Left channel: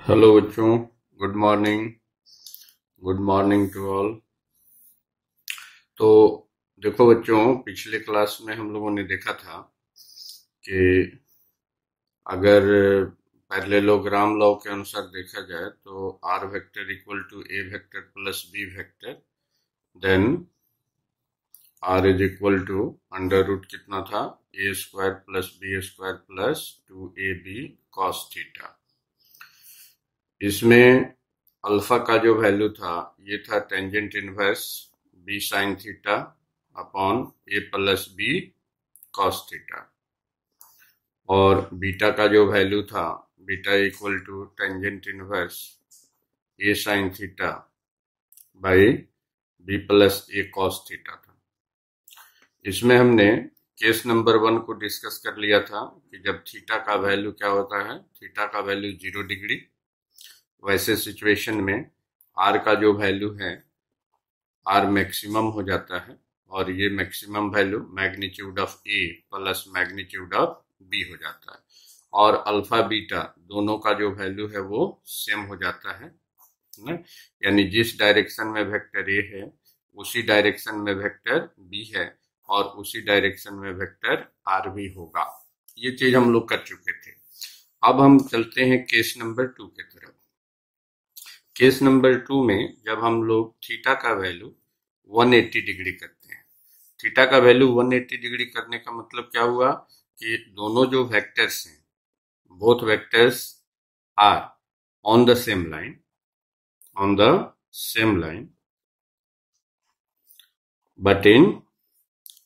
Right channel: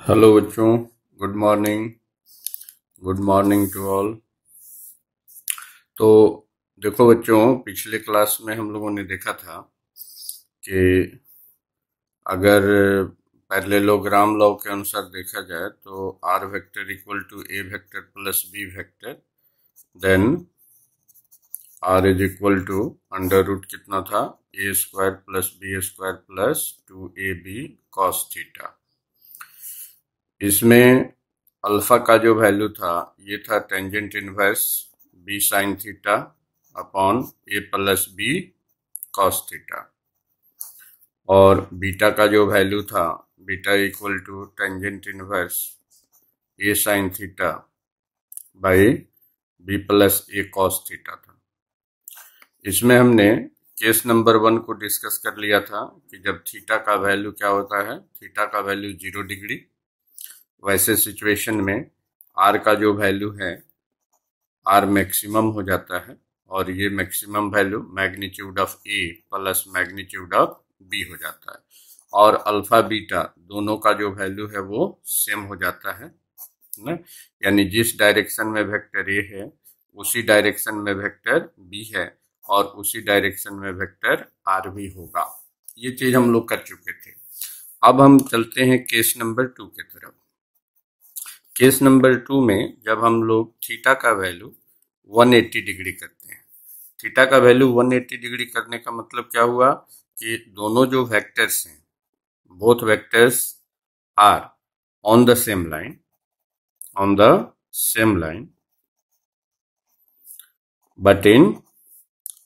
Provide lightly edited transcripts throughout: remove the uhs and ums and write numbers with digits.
Hello बच्चों, good morning. Good morning to all. तो देखो बच्चों, पिछले क्लास में हम लोगों ने देखा था कि अगर पैरेललोग्राम लॉ के अनुसार देखा जाए तो r vector equal to A vector plus B vector, then r is equal to under root कितना था, a square plus B square plus 2ab cos theta. इसमें अल्फा का जो वैल्यू था ये था tangent inverse b sine theta upon a plus B cos theta, और beta का जो वैल्यू था beta equal to tangent inverse a sine theta by b plus a cos theta था। इसमें हमने केस नंबर 1 को डिस्कस कर लिया था कि जब थीटा का वैल्यू क्या होता है, थीटा का वैल्यू 0 डिग्री, वैसे सिचुएशन में आर का जो वैल्यू है आर मैक्सिमम हो जाता है, और ये maximum value magnitude of A plus magnitude of B हो जाता है, और अल्फा बीटा दोनों का जो वैल्यू है वो सेम हो जाता है ना। यानी जिस डायरेक्शन में वेक्टर ए है उसी डायरेक्शन में वेक्टर बी है, और उसी डायरेक्शन में वेक्टर आर भी होगा। ये चीज हम लोग कर चुके थे। अब हम चलते हैं केस नंबर 2 की तरफ। केस नंबर 2 में जब हम लोग थीटा का वैल्यू 180 डिग्री करते हैं, थीटा का वैल्यू 180 डिग्री करने का मतलब क्या हुआ कि दोनों जो वेक्टर्स हैं, both vectors are on the same line, on the same line but in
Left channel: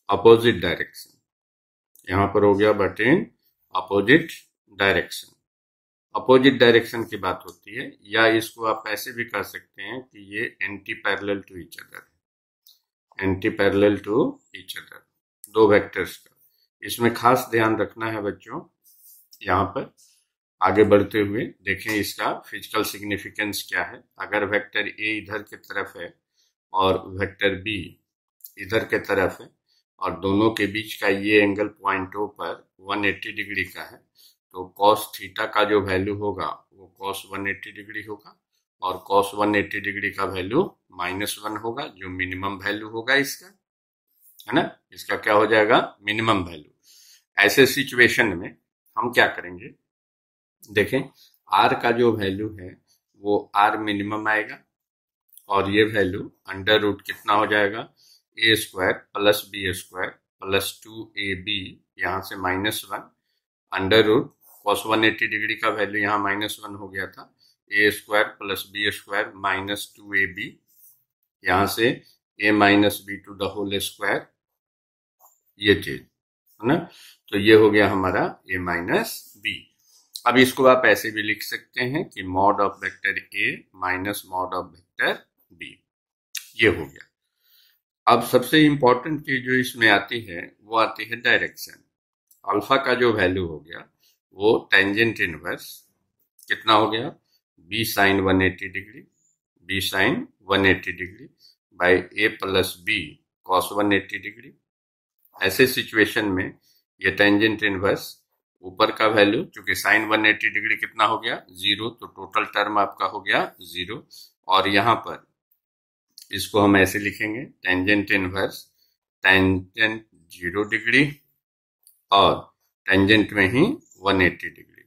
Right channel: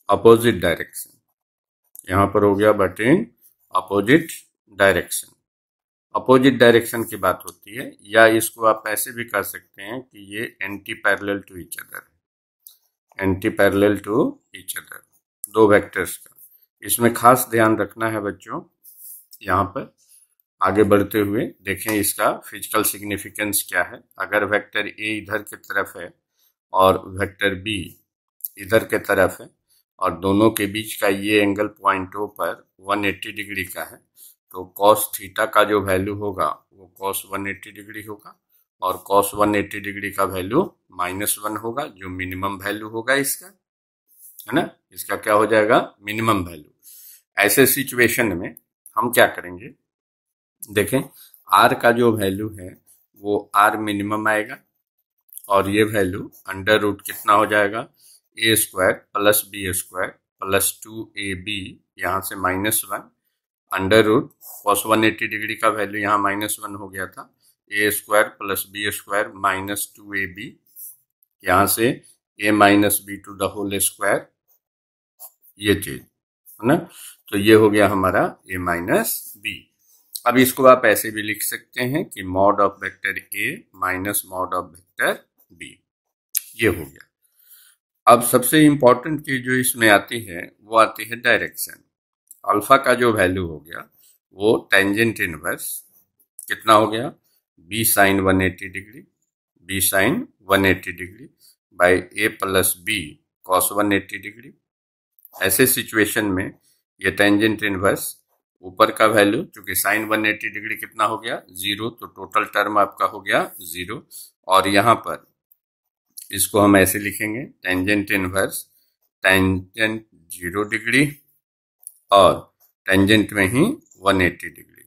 opposite direction. यहां पर हो गया but in opposite direction. Opposite direction की बात होती है, या इसको आप ऐसे भी कर सकते हैं कि ये anti parallel to each other, anti parallel to each other, दो वेक्टर्स का। इसमें खास ध्यान रखना है बच्चों, यहाँ पर आगे बढ़ते हुए देखें इसका फिजिकल सिग्निफिकेंस क्या है। अगर वेक्टर ए इधर की तरफ है और वेक्टर बी इधर के तरफ है, और दोनों के बीच का ये एंगल पॉइंट ओ पर 180 डिग्री का है, तो कॉस थीटा का जो वैल्यू होगा वो कॉस 180 डिग्री होगा, और कॉस 180 डिग्री का वैल्यू -1 होगा, जो मिनिमम वैल्यू होगा इसका, है ना। इसका क्या हो जाएगा, मिनिमम वैल्यू। ऐसे सिचुएशन में हम क्या करेंगे, देखें आर का जो वैल्यू है वो आर मिनिमम आएगा, और ये वैल्यू अंडर रूट कितना हो जाएगा, a square plus B square plus 2ab, यहाँ से -1 अंडर रूट कॉस 180 डिग्री का वैल्यू यहाँ -1 हो गया था, a square plus B square minus 2ab, यहाँ से a minus B to the whole square, ये चीज है ना। तो ये हो गया हमारा a माइनस बी। अब इसको आप ऐसे भी लिख सकते हैं कि mod of vector a minus mod of vector b, ये हो गया। अब सबसे इंपॉर्टेंट चीज जो इसमें आती है वो आती है डायरेक्शन। अल्फा का जो वैल्यू हो गया वो टेंजेंट इनवर्स कितना हो गया, B sine 180 degree, B sine 180 degree by A plus B cos 180 degree. ऐसे सिचुएशन में ये टेंजेंट इनवर्स ऊपर का वैल्यू, क्योंकि साइन 180 डिग्री कितना हो गया 0, तो टोटल टर्म आपका हो गया 0, और यहाँ पर इसको हम ऐसे लिखेंगे टेंजेंट इनवर्स टेंजेंट 0 डिग्री और टेंजेंट में ही 180 डिग्री।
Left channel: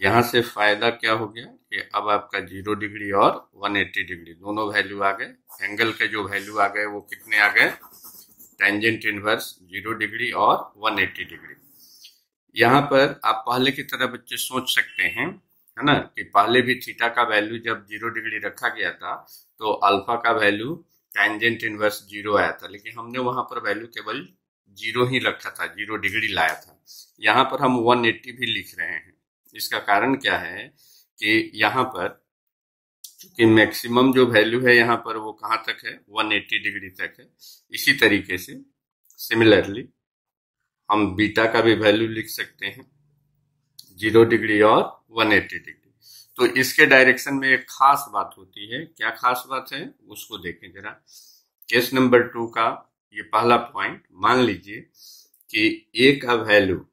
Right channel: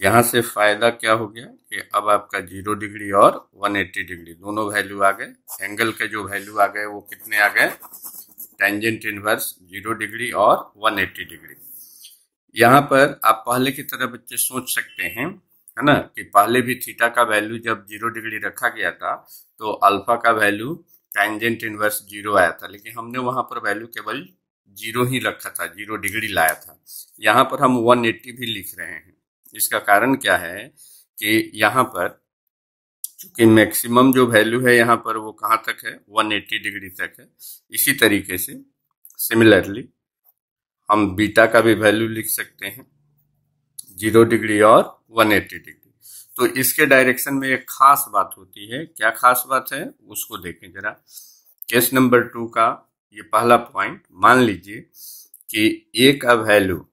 यहाँ से फायदा क्या हो गया कि अब आपका 0 डिग्री और 180 डिग्री दोनों वैल्यू आ गए, एंगल के जो वैल्यू आ गए वो कितने आ गए, टेंजेंट इनवर्स 0 डिग्री और 180 डिग्री। यहाँ पर आप पहले की तरह बच्चे सोच सकते हैं, है ना, कि पहले भी थीटा का वैल्यू जब 0 डिग्री रखा गया था तो अल्फा का वैल्यू टेंजेंट इनवर्स 0 आया था, लेकिन हमने वहां पर वैल्यू केवल 0 ही रखा था, 0 डिग्री लाया था। यहाँ पर हम 180 भी लिख रहे हैं। इसका कारण क्या है कि यहाँ पर चूंकि मैक्सिमम जो वैल्यू है यहाँ पर वो कहाँ तक है, 180 डिग्री तक है। इसी तरीके से सिमिलरली हम बीटा का भी वैल्यू लिख सकते हैं 0 डिग्री और 180 डिग्री। तो इसके डायरेक्शन में एक खास बात होती है, क्या खास बात है उसको देखें जरा। केस नंबर 2 का ये पहला पॉइंट, मान लीजिए कि ए का वैल्यू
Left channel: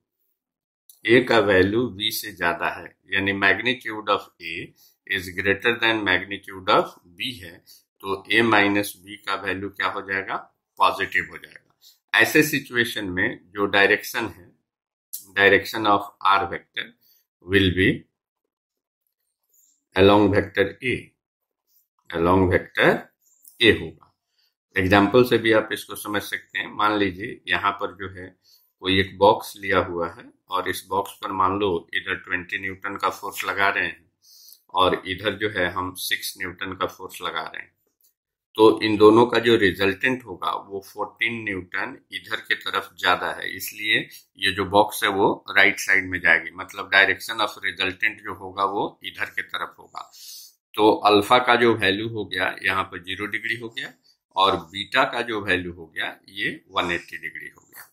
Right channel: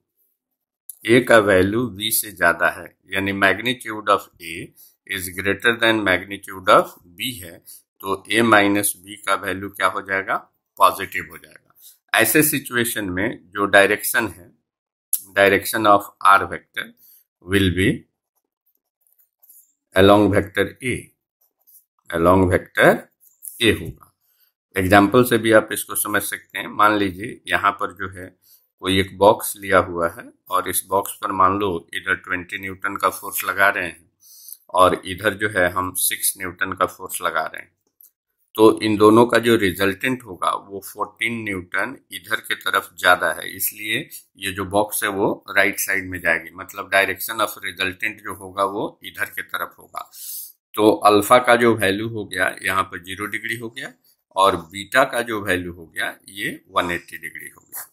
v से ज्यादा है, यानी magnitude of A is greater than magnitude of B है, तो ए माइनस बी का वैल्यू क्या हो जाएगा, पॉजिटिव हो जाएगा। ऐसे सिचुएशन में जो डायरेक्शन है, direction of R vector will be along vector A, along vector A होगा। एग्जाम्पल से भी आप इसको समझ सकते हैं। मान लीजिए यहाँ पर जो है कोई एक बॉक्स लिया हुआ है और इस बॉक्स पर मान लो इधर 20 न्यूटन का फोर्स लगा रहे हैं और इधर जो है हम 6 न्यूटन का फोर्स लगा रहे हैं, तो इन दोनों का जो रिजल्टेंट होगा वो 14 न्यूटन इधर के तरफ ज्यादा है, इसलिए ये जो बॉक्स है वो राइट साइड में जाएगी, मतलब डायरेक्शन ऑफ रिजल्टेंट जो होगा वो इधर के तरफ होगा। तो अल्फा का जो वैल्यू हो गया यहाँ पर 0 डिग्री हो गया और बीटा का जो वैल्यू हो गया ये 180 डिग्री हो गया।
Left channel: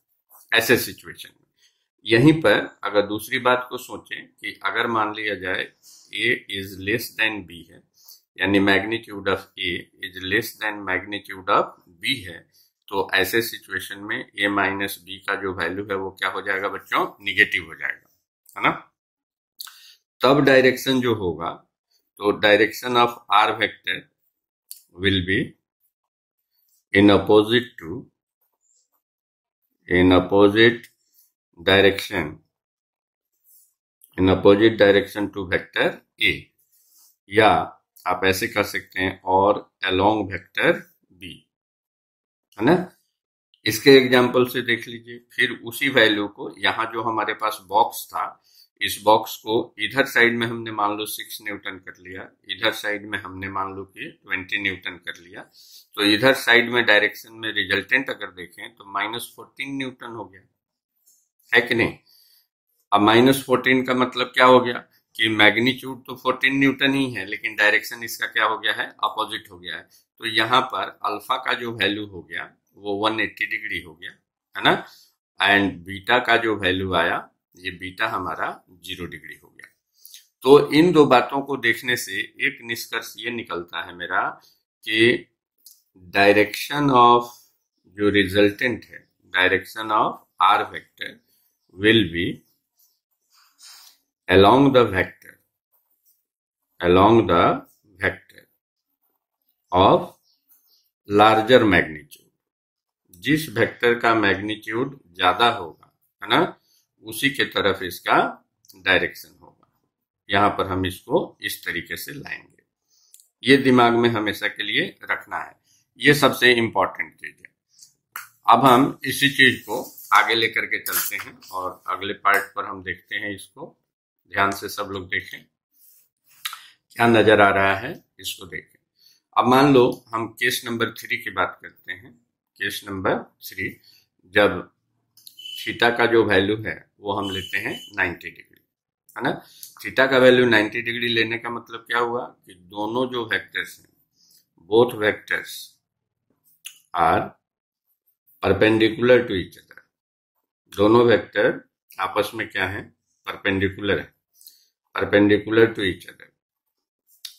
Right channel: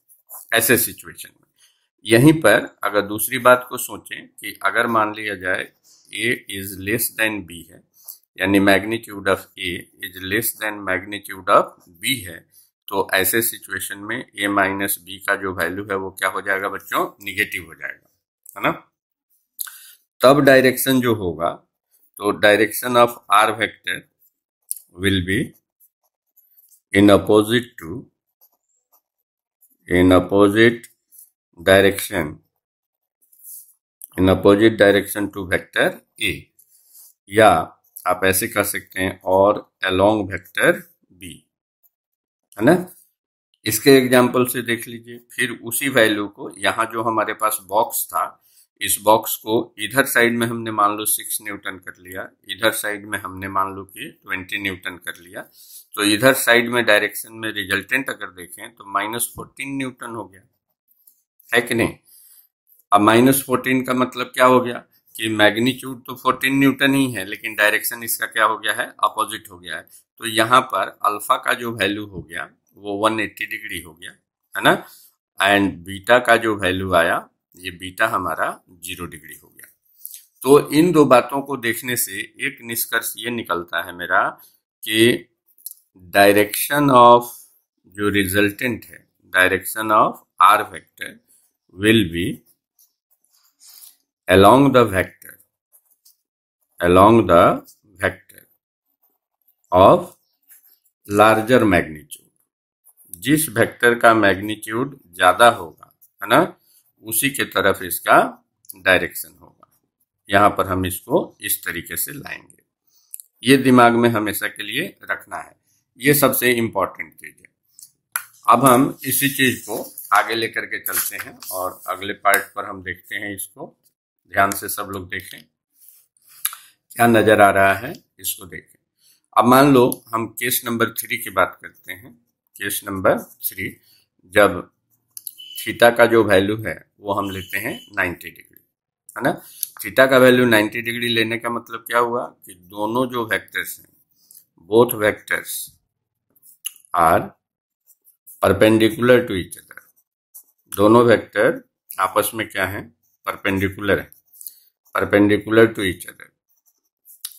ऐसे सिचुएशन में यहीं पर अगर दूसरी बात को सोचें कि अगर मान लिया जाए a is less than b है, यानी magnitude of a is less than magnitude of b है, तो ऐसे सिचुएशन में a माइनस b का जो वैल्यू है वो क्या हो जाएगा बच्चों, निगेटिव हो जाएगा, है ना। तब डायरेक्शन जो होगा, तो direction of R vector will be in opposite direction to vector A, या आप ऐसे कर सकते हैं और अलोंग वेक्टर बी, है ना। इसके एग्जाम्पल से देख लीजिए। फिर उसी वैल्यू को यहाँ जो हमारे पास बॉक्स था, इस बॉक्स को इधर साइड में हमने मान लो 6 न्यूटन कर लिया, इधर साइड में हमने मान लो कि 20 न्यूटन कर लिया, तो इधर साइड में डायरेक्शन में रिजल्टेंट अगर देखें तो -14 न्यूटन हो गया, है कि नहीं। अब -14 का मतलब क्या हो गया कि मैग्नीट्यूड तो 14 न्यूटन ही है, लेकिन डायरेक्शन इसका क्या हो गया है, अपोजिट हो गया है। तो यहाँ पर अल्फा का जो वैल्यू हो गया वो 180 डिग्री हो गया, है ना। एंड बीटा का जो वैल्यू आया, ये बीटा हमारा 0 डिग्री हो गया। तो इन दो बातों को देखने से एक निष्कर्ष ये निकलता है मेरा कि डायरेक्शन ऑफ जो रिजल्टेंट है, direction of R vector will be along the vector of larger magnitude, जिस वेक्टर का मैग्नीट्यूड ज्यादा होगा, है ना, उसी के तरफ इसका डायरेक्शन होगा। यहां पर हम इसको इस तरीके से लाएंगे, ये दिमाग में हमेशा के लिए रखना है, ये सबसे इंपॉर्टेंट चीज है। अब हम इसी चीज को आगे लेकर के चलते हैं और अगले पार्ट पर हम देखते हैं। इसको ध्यान से सब लोग देखें, क्या नजर आ रहा है इसको देखें। अब मान लो हम केस नंबर 3 की बात करते हैं। केस नंबर 3, जब थीटा का जो वैल्यू है वो हम लेते हैं 90 डिग्री, है ना। थीटा का वैल्यू 90 डिग्री लेने का मतलब क्या हुआ कि दोनों जो वेक्टर्स हैं, both vectors are perpendicular to each other, दोनों वेक्टर आपस में क्या है, परपेंडिकुलर है, परपेंडिकुलर टू ईच अदर।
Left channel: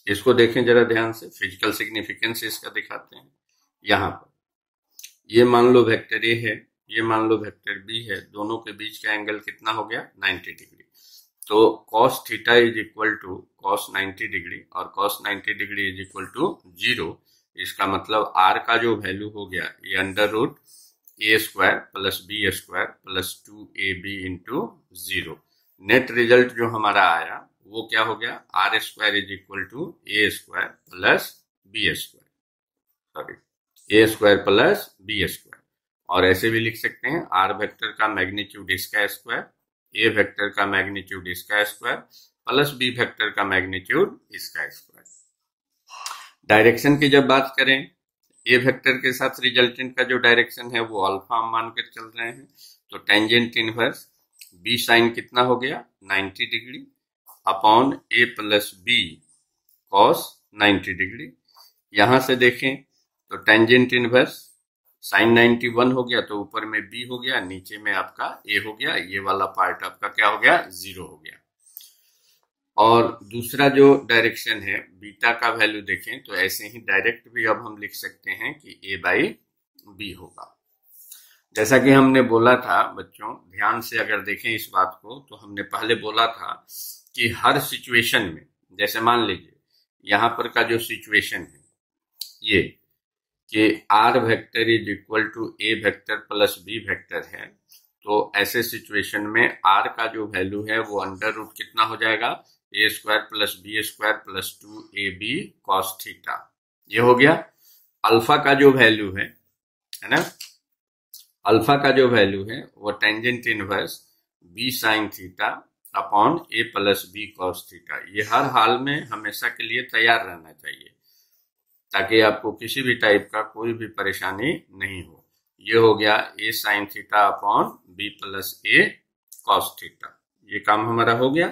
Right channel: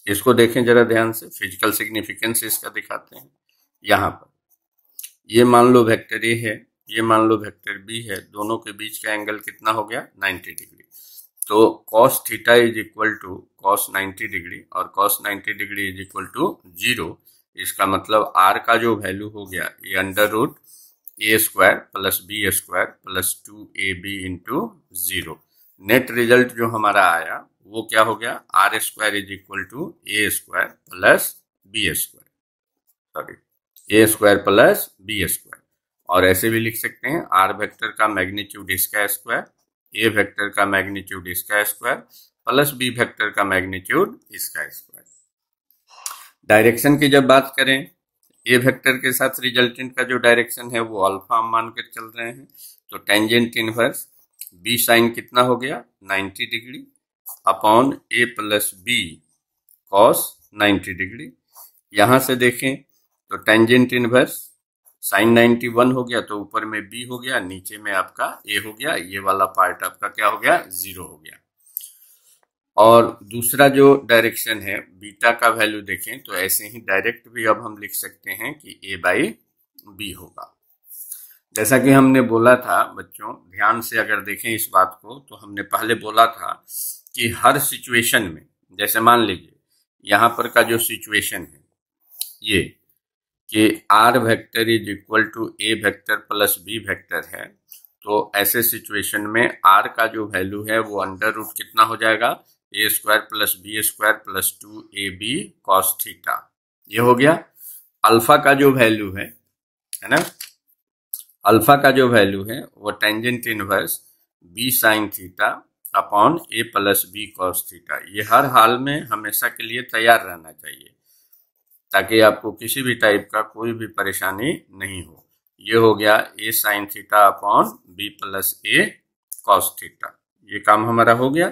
इसको देखें जरा ध्यान से, फिजिकल सिग्निफिकेंस इसका दिखाते हैं। यहाँ पर ये मान लो वेक्टर ए है, ये मान लो वेक्टर बी है, दोनों के बीच का एंगल कितना हो गया, 90 डिग्री। तो cos theta is equal to cos 90 degree और cos 90 degree is equal to 0। इसका मतलब r का जो वैल्यू हो गया ये √a² plus b² plus 2ab into 0। Net result जो हमारा आया वो क्या हो गया, r² is equal to a² plus b², sorry a² plus b²। और ऐसे भी लिख सकते हैं r वेक्टर का मैग्नीट्यूड इसका स्क्वायर, a वेक्टर का मैग्नीट्यूड इसका स्क्वायर प्लस b वेक्टर का मैग्नीट्यूड इसका स्क्वायर। डायरेक्शन की जब बात करें, ए वेक्टर के साथ रिजल्टेंट का जो डायरेक्शन है वो अल्फा हम मानकर चल रहे हैं, तो टेंजेंट इनवर्स बी साइन कितना हो गया, 90 degree upon a plus B cos 90 degree. यहां से देखें तो टेंजेंट इनवर्स साइन 91 हो गया, तो ऊपर में बी हो गया, नीचे में आपका ए हो गया, ये वाला पार्ट आपका क्या हो गया, 0 हो गया। और दूसरा जो डायरेक्शन है बीटा का वैल्यू देखें तो ऐसे ही डायरेक्ट भी अब हम लिख सकते हैं कि a बाई बी होगा। जैसा कि हमने बोला था बच्चों, ध्यान से अगर देखें इस बात को, तो हमने पहले बोला था कि हर सिचुएशन में, जैसे मान लीजिए यहाँ पर का जो सिचुएशन है ये कि R vector is equal to A vector plus B vector है, तो ऐसे सिचुएशन में आर का जो वैल्यू है वो अंडर रूट कितना हो जाएगा, a square plus B square plus 2ab cos theta. ये हो गया। अल्फा का जो वैल्यू है ना, अल्फा का जो वैल्यू है वो tangent inverse b sine theta upon a plus B cos theta. ये हर हाल में हमेशा के लिए तैयार रहना चाहिए ताकि आपको किसी भी टाइप का कोई भी परेशानी नहीं हो। ये हो गया a sine theta upon b plus a cos theta. ये काम हमारा हो गया।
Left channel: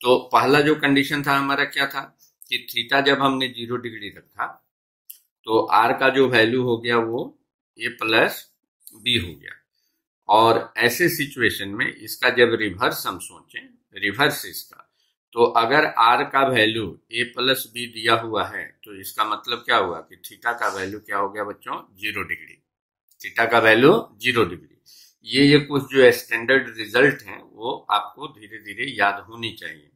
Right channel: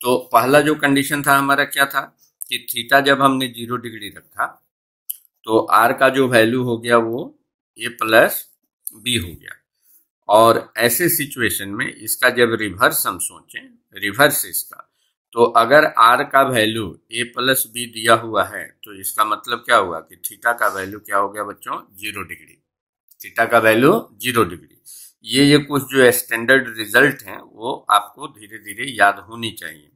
तो पहला जो कंडीशन था हमारा क्या था कि थीटा जब हमने 0 डिग्री रखा तो आर का जो वैल्यू हो गया वो ए प्लस बी हो गया। और ऐसे सिचुएशन में इसका जब रिवर्स हम सोचें, रिवर्स इसका, तो अगर आर का वैल्यू ए प्लस बी दिया हुआ है तो इसका मतलब क्या हुआ कि थीटा का वैल्यू क्या हो गया बच्चों, 0 डिग्री। थीटा का वैल्यू 0 डिग्री। ये कुछ जो स्टैंडर्ड रिजल्ट हैं वो आपको धीरे धीरे याद होनी चाहिए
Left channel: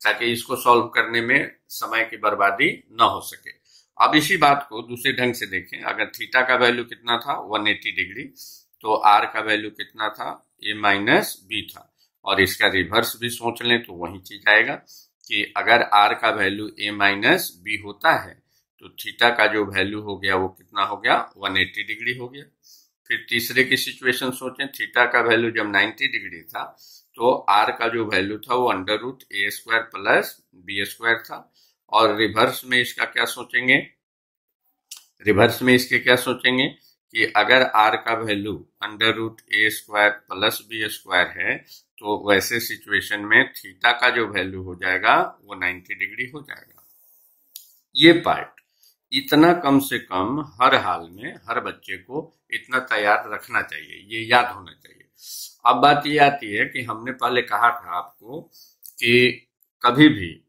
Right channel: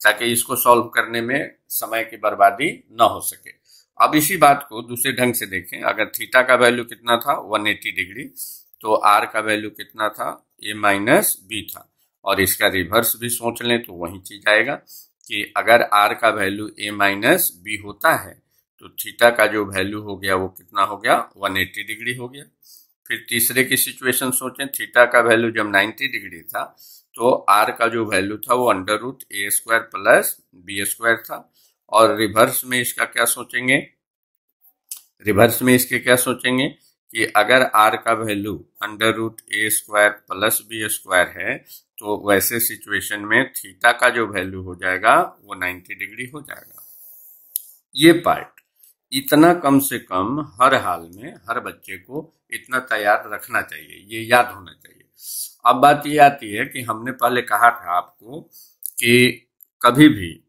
ताकि इसको सॉल्व करने में समय की बर्बादी ना हो सके। अब इसी बात को दूसरे ढंग से देखें, अगर थीटा का वैल्यू कितना था 180 डिग्री, तो आर का वैल्यू कितना था, ए माइनस बी था। और इसका रिवर्स भी सोच लें तो वही चीज आएगा कि अगर आर का वैल्यू ए माइनस बी होता है तो थीटा का जो वैल्यू हो गया वो कितना हो गया, 180 डिग्री हो गया। फिर तीसरे की सिचुएशन सोचें, थीटा का वैल्यू जब 90 डिग्री था तो आर का जो वैल्यू था वो अंडर रूट ए स्क्वायर प्लस बी स्क्वायर था। और रिवर्स में इसका क्या सोचेंगे, रिवर्स में इसके क्या सोचेंगे कि अगर आर का वैल्यू अंडर रूट ए स्क्वायर प्लस बी स्क्वायर है तो वैसे सिचुएशन में थीटा का जो वैल्यू हो जाएगा वो 90 डिग्री हो जाएगा। ये पार्ट इतना कम से कम हर हाल में हर बच्चे को इतना तैयार रखना चाहिए, ये याद होना चाहिए। अब बात ये आती है कि हमने पहले कहा था आपको कि कभी भी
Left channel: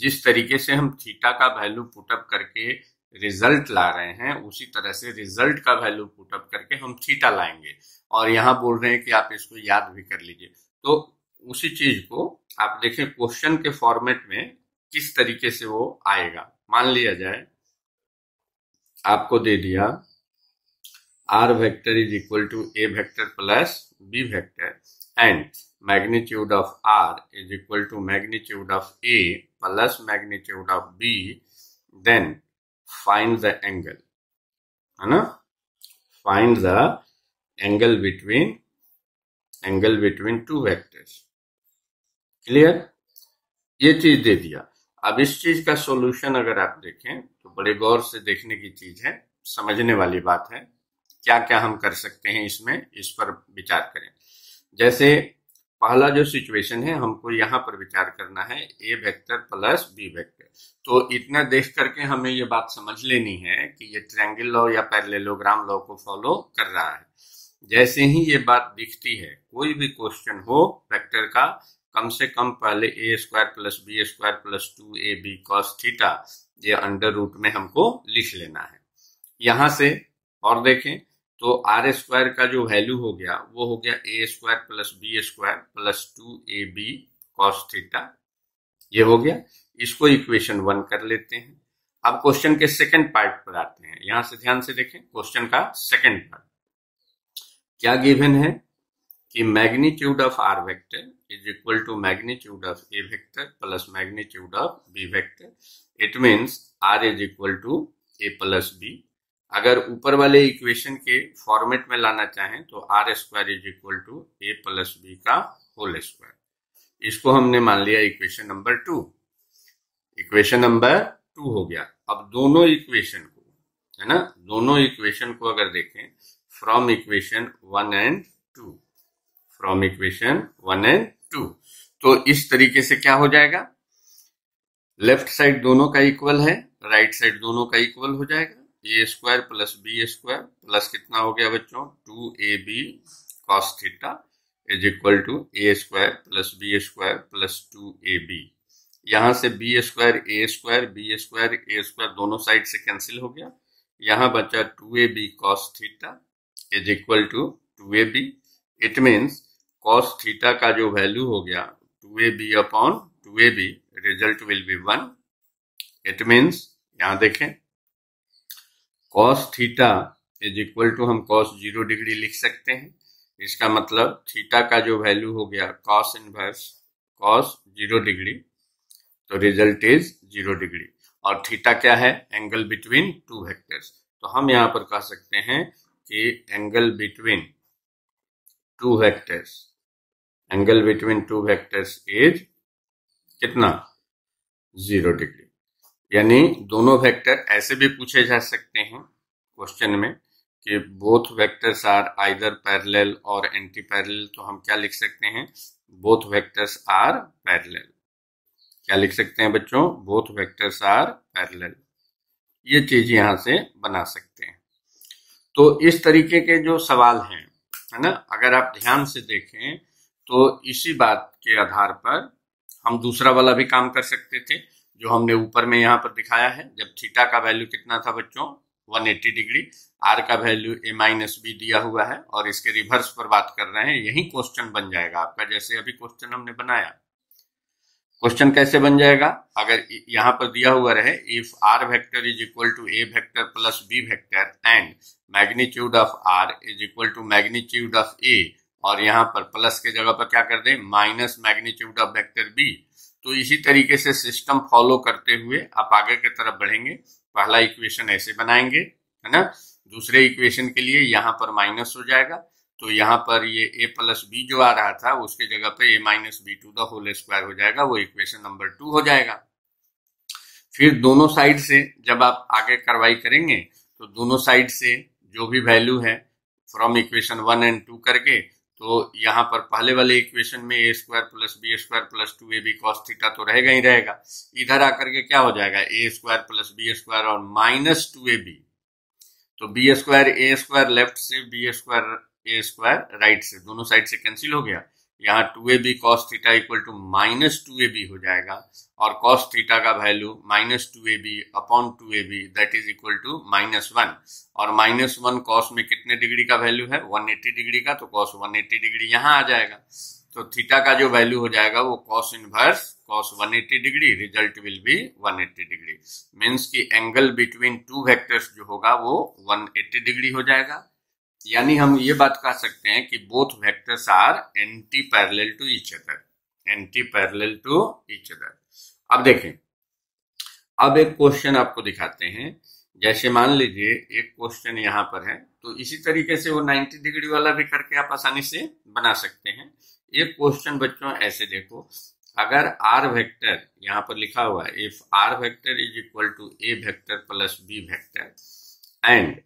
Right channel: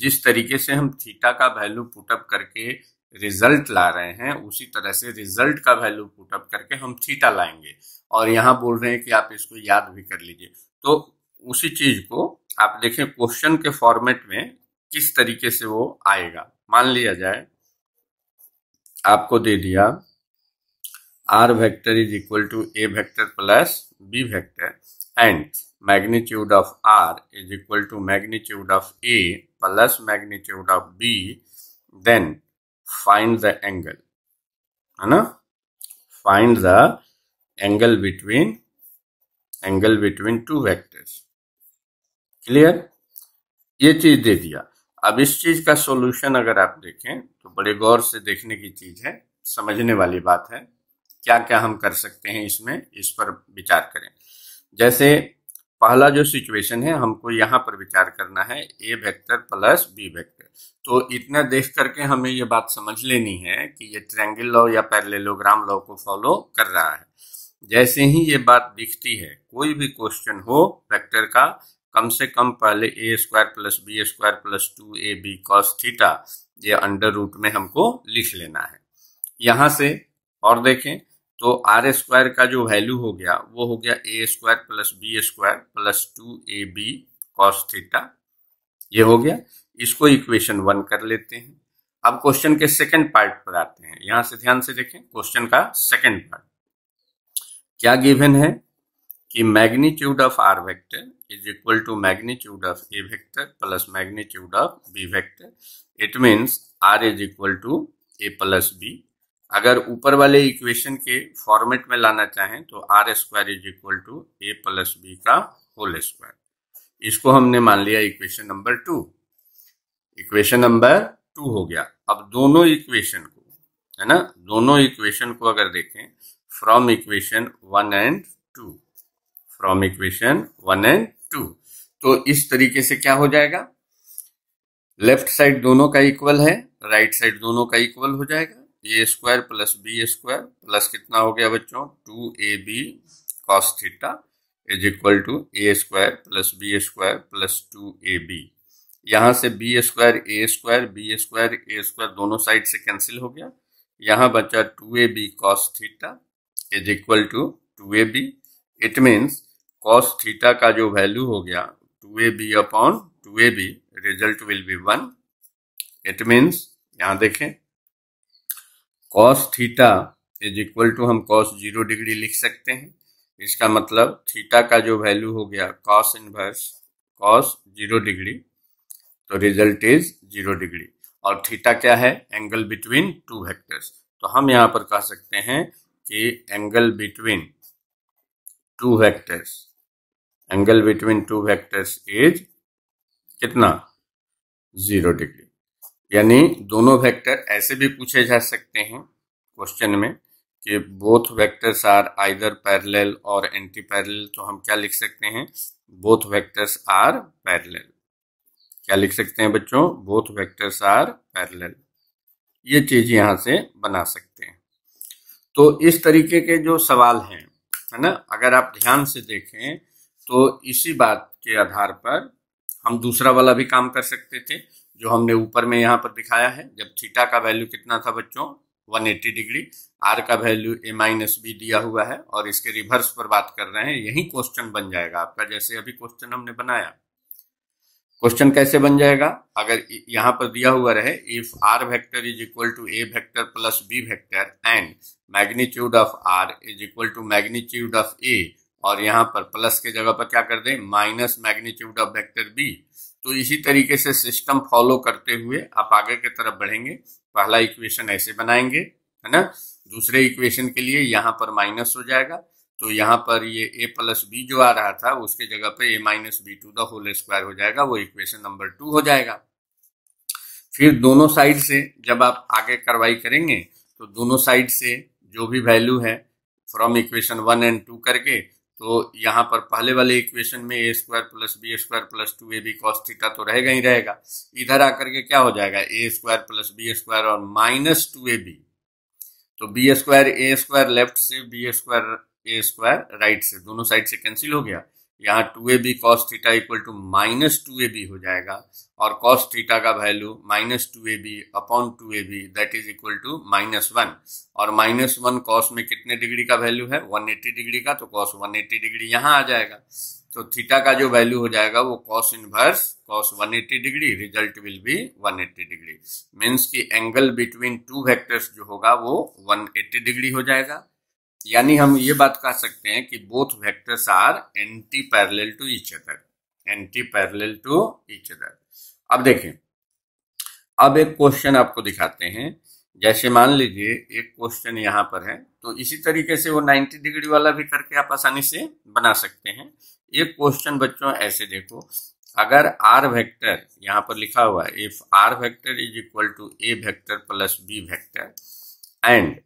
जिस तरीके से हम थीटा का वैल्यू पुटअप करके रिजल्ट ला रहे हैं उसी तरह से रिजल्ट का वैल्यू पुटअप करके हम थीटा लाएंगे। और यहाँ बोल रहे हैं कि आप इसको याद भी कर लीजिए। तो उसी चीज को आप देखें क्वेश्चन के फॉर्मेट में किस तरीके से वो आएगा। मान लिया जाए आपको दे दिया R vector is equal to A vector plus B vector and magnitude of r is equal to magnitude of a plus magnitude of b, then find the angle, है ना, find the angle between two vectors। Clear, ये चीज दे दिया। अब इस चीज का solution अगर आप देखें तो बड़े गौर से देखने की चीज है, समझने वाली बात है। क्या क्या हम कर सकते हैं इसमें, इस पर विचार करें। जैसे पहला जो सिचुएशन है हमको यहाँ पर विचार करना है ए वेक्टर प्लस बी वेक्टर। तो इतना देख करके हमें ये बात समझ लेनी है कि ये ट्रायंगल लॉ या पैरेललोग्राम लॉ को फॉलो कर रहा है। जैसे ही ये बात दिखती है, कोई भी क्वेश्चन हो वेक्टर का, कम से कम पहले a square plus B square plus 2ab cos theta ये अंडर रूट में हमको लिख लेना है। यहाँ से और देखें तो आर स्क्वायर का जो वैल्यू हो गया वो हो गया a square plus B square plus 2ab cos theta. ये हो गया। इसको इक्वेशन 1 कर लेते हैं। अब क्वेश्चन के सेकंड पार्ट पर आते हैं। यहां से ध्यान से देखें क्वेश्चन का सेकंड पार्ट क्या गिवन है कि magnitude of R vector is equal to magnitude of A vector plus magnitude of B vector. It means R is equal to A plus B. अगर ऊपर वाले इक्वेशन के फॉर्मेट में लाना चाहें तो are square is equal to A plus B का whole square. इसको हमने मान लिया इक्वेशन नंबर 2। इक्वेशन नंबर 2 हो गया। अब दोनों इक्वेशन को, है ना, दोनों इक्वेशन को अगर देखें from equation 1 and 2, from equation 1 and 2, तो इस तरीके से क्या हो जाएगा, लेफ्ट साइड दोनों का इक्वल है, राइट साइड दोनों का इक्वल हो जाएगा। A square plus B square plus कितना हो गया बच्चों, 2ab cos theta is equal to A square plus B square plus 2ab। यहां से बी स्क्वायर ए स्क्वायर बी स्क्वायर ए स्क्वायर दोनों साइड से कैंसिल हो गया। यहां बचा 2ab cos theta is equal to 2ab। It means cos theta का जो वैल्यू हो गया 2ab upon 2ab, result will be 1। It means यहां देखें cos theta is equal to हम कॉस 0 डिग्री लिख सकते हैं। इसका मतलब थीटा का जो वैल्यू हो गया कॉस इनवर्स कॉस 0 डिग्री, तो रिजल्ट इज 0 डिग्री। और थीटा क्या है? Angle between two vectors. तो हम यहां पर कह सकते हैं कि angle between two vectors, angle between two vectors is कितना? 0 डिग्री। यानी दोनों वेक्टर ऐसे भी पूछे जा सकते हैं क्वेश्चन में कि both vectors are either parallel और एंटी पैरेलल, तो हम क्या लिख सकते हैं? Both vectors are parallel. क्या लिख सकते हैं बच्चों? Both vectors are parallel. ये चीज यहां से बना सकते हैं। तो इस तरीके के जो सवाल हैं, है ना, अगर आप ध्यान से देखें तो इसी बात के आधार पर हम दूसरा वाला भी काम कर सकते थे जो हमने ऊपर में यहां पर दिखाया है। जब थीटा का वैल्यू कितना था बच्चों? 180 डिग्री, आर का वैल्यू a माइनस बी दिया हुआ है और इसके रिवर्स पर बात कर रहे हैं। यही क्वेश्चन बन जाएगा आपका, जैसे अभी क्वेश्चन हमने बनाया। क्वेश्चन कैसे बन जाएगा? अगर यहां पर दिया हुआ रहे if are vector is equal to A vector plus B vector and magnitude of are is equal to magnitude of a, और यहां पर प्लस के जगह पर क्या कर दें? Minus magnitude of vector B. तो इसी तरीके से सिस्टम फॉलो करते हुए आप आगे की तरफ बढ़ेंगे। पहला इक्वेशन ऐसे बनाएंगे, है ना। दूसरे इक्वेशन के लिए यहां पर माइनस हो जाएगा, तो यहाँ पर ये a प्लस बी जो आ रहा था उसके जगह पे a minus B to the whole square हो जाएगा, वो इक्वेशन नंबर 2 हो जाएगा। फिर दोनों साइड से जब आप आगे कार्रवाई करेंगे तो दोनों साइड से जो भी वैल्यू है फ्रॉम इक्वेशन 1 एंड 2 करके, तो यहाँ पर पहले वाले इक्वेशन में a square plus B square plus 2ab cos theta तो रहेगा ही रहेगा। इधर आकर के क्या हो जाएगा? a square plus B square और माइनस 2ab, तो बी स्क्वायर ए स्क्वायर लेफ्ट से, बी स्क्वायर ए स्क्वायर राइट से, दोनों साइड से कैंसिल हो गया। यहाँ 2ab cos theta equal to minus 2ab हो जाएगा, और cos थीटा का value minus 2ab upon 2ab that is equal to -1, और -1 cos में कितने डिग्री का वैल्यू है? 180 डिग्री का, तो cos 180 डिग्री यहाँ आ जाएगा। तो थीटा का जो वैल्यू हो जाएगा वो cos inverse cos 180 degree, result will B 180 degree. Means की एंगल बिटवीन टू वेक्टर्स जो होगा वो 180 डिग्री हो जाएगा। यानी हम ये बात कह सकते हैं कि both vectors are anti parallel to each other, anti parallel to each other. अब देखें, अब एक क्वेश्चन आपको दिखाते हैं। जैसे मान लीजिए एक क्वेश्चन यहाँ पर है, तो इसी तरीके से वो 90 डिग्री वाला भी करके आप आसानी से बना सकते हैं। एक क्वेश्चन बच्चों ऐसे देखो, अगर आर वेक्टर यहाँ पर लिखा हुआ है if are vector is equal to A vector plus B vector and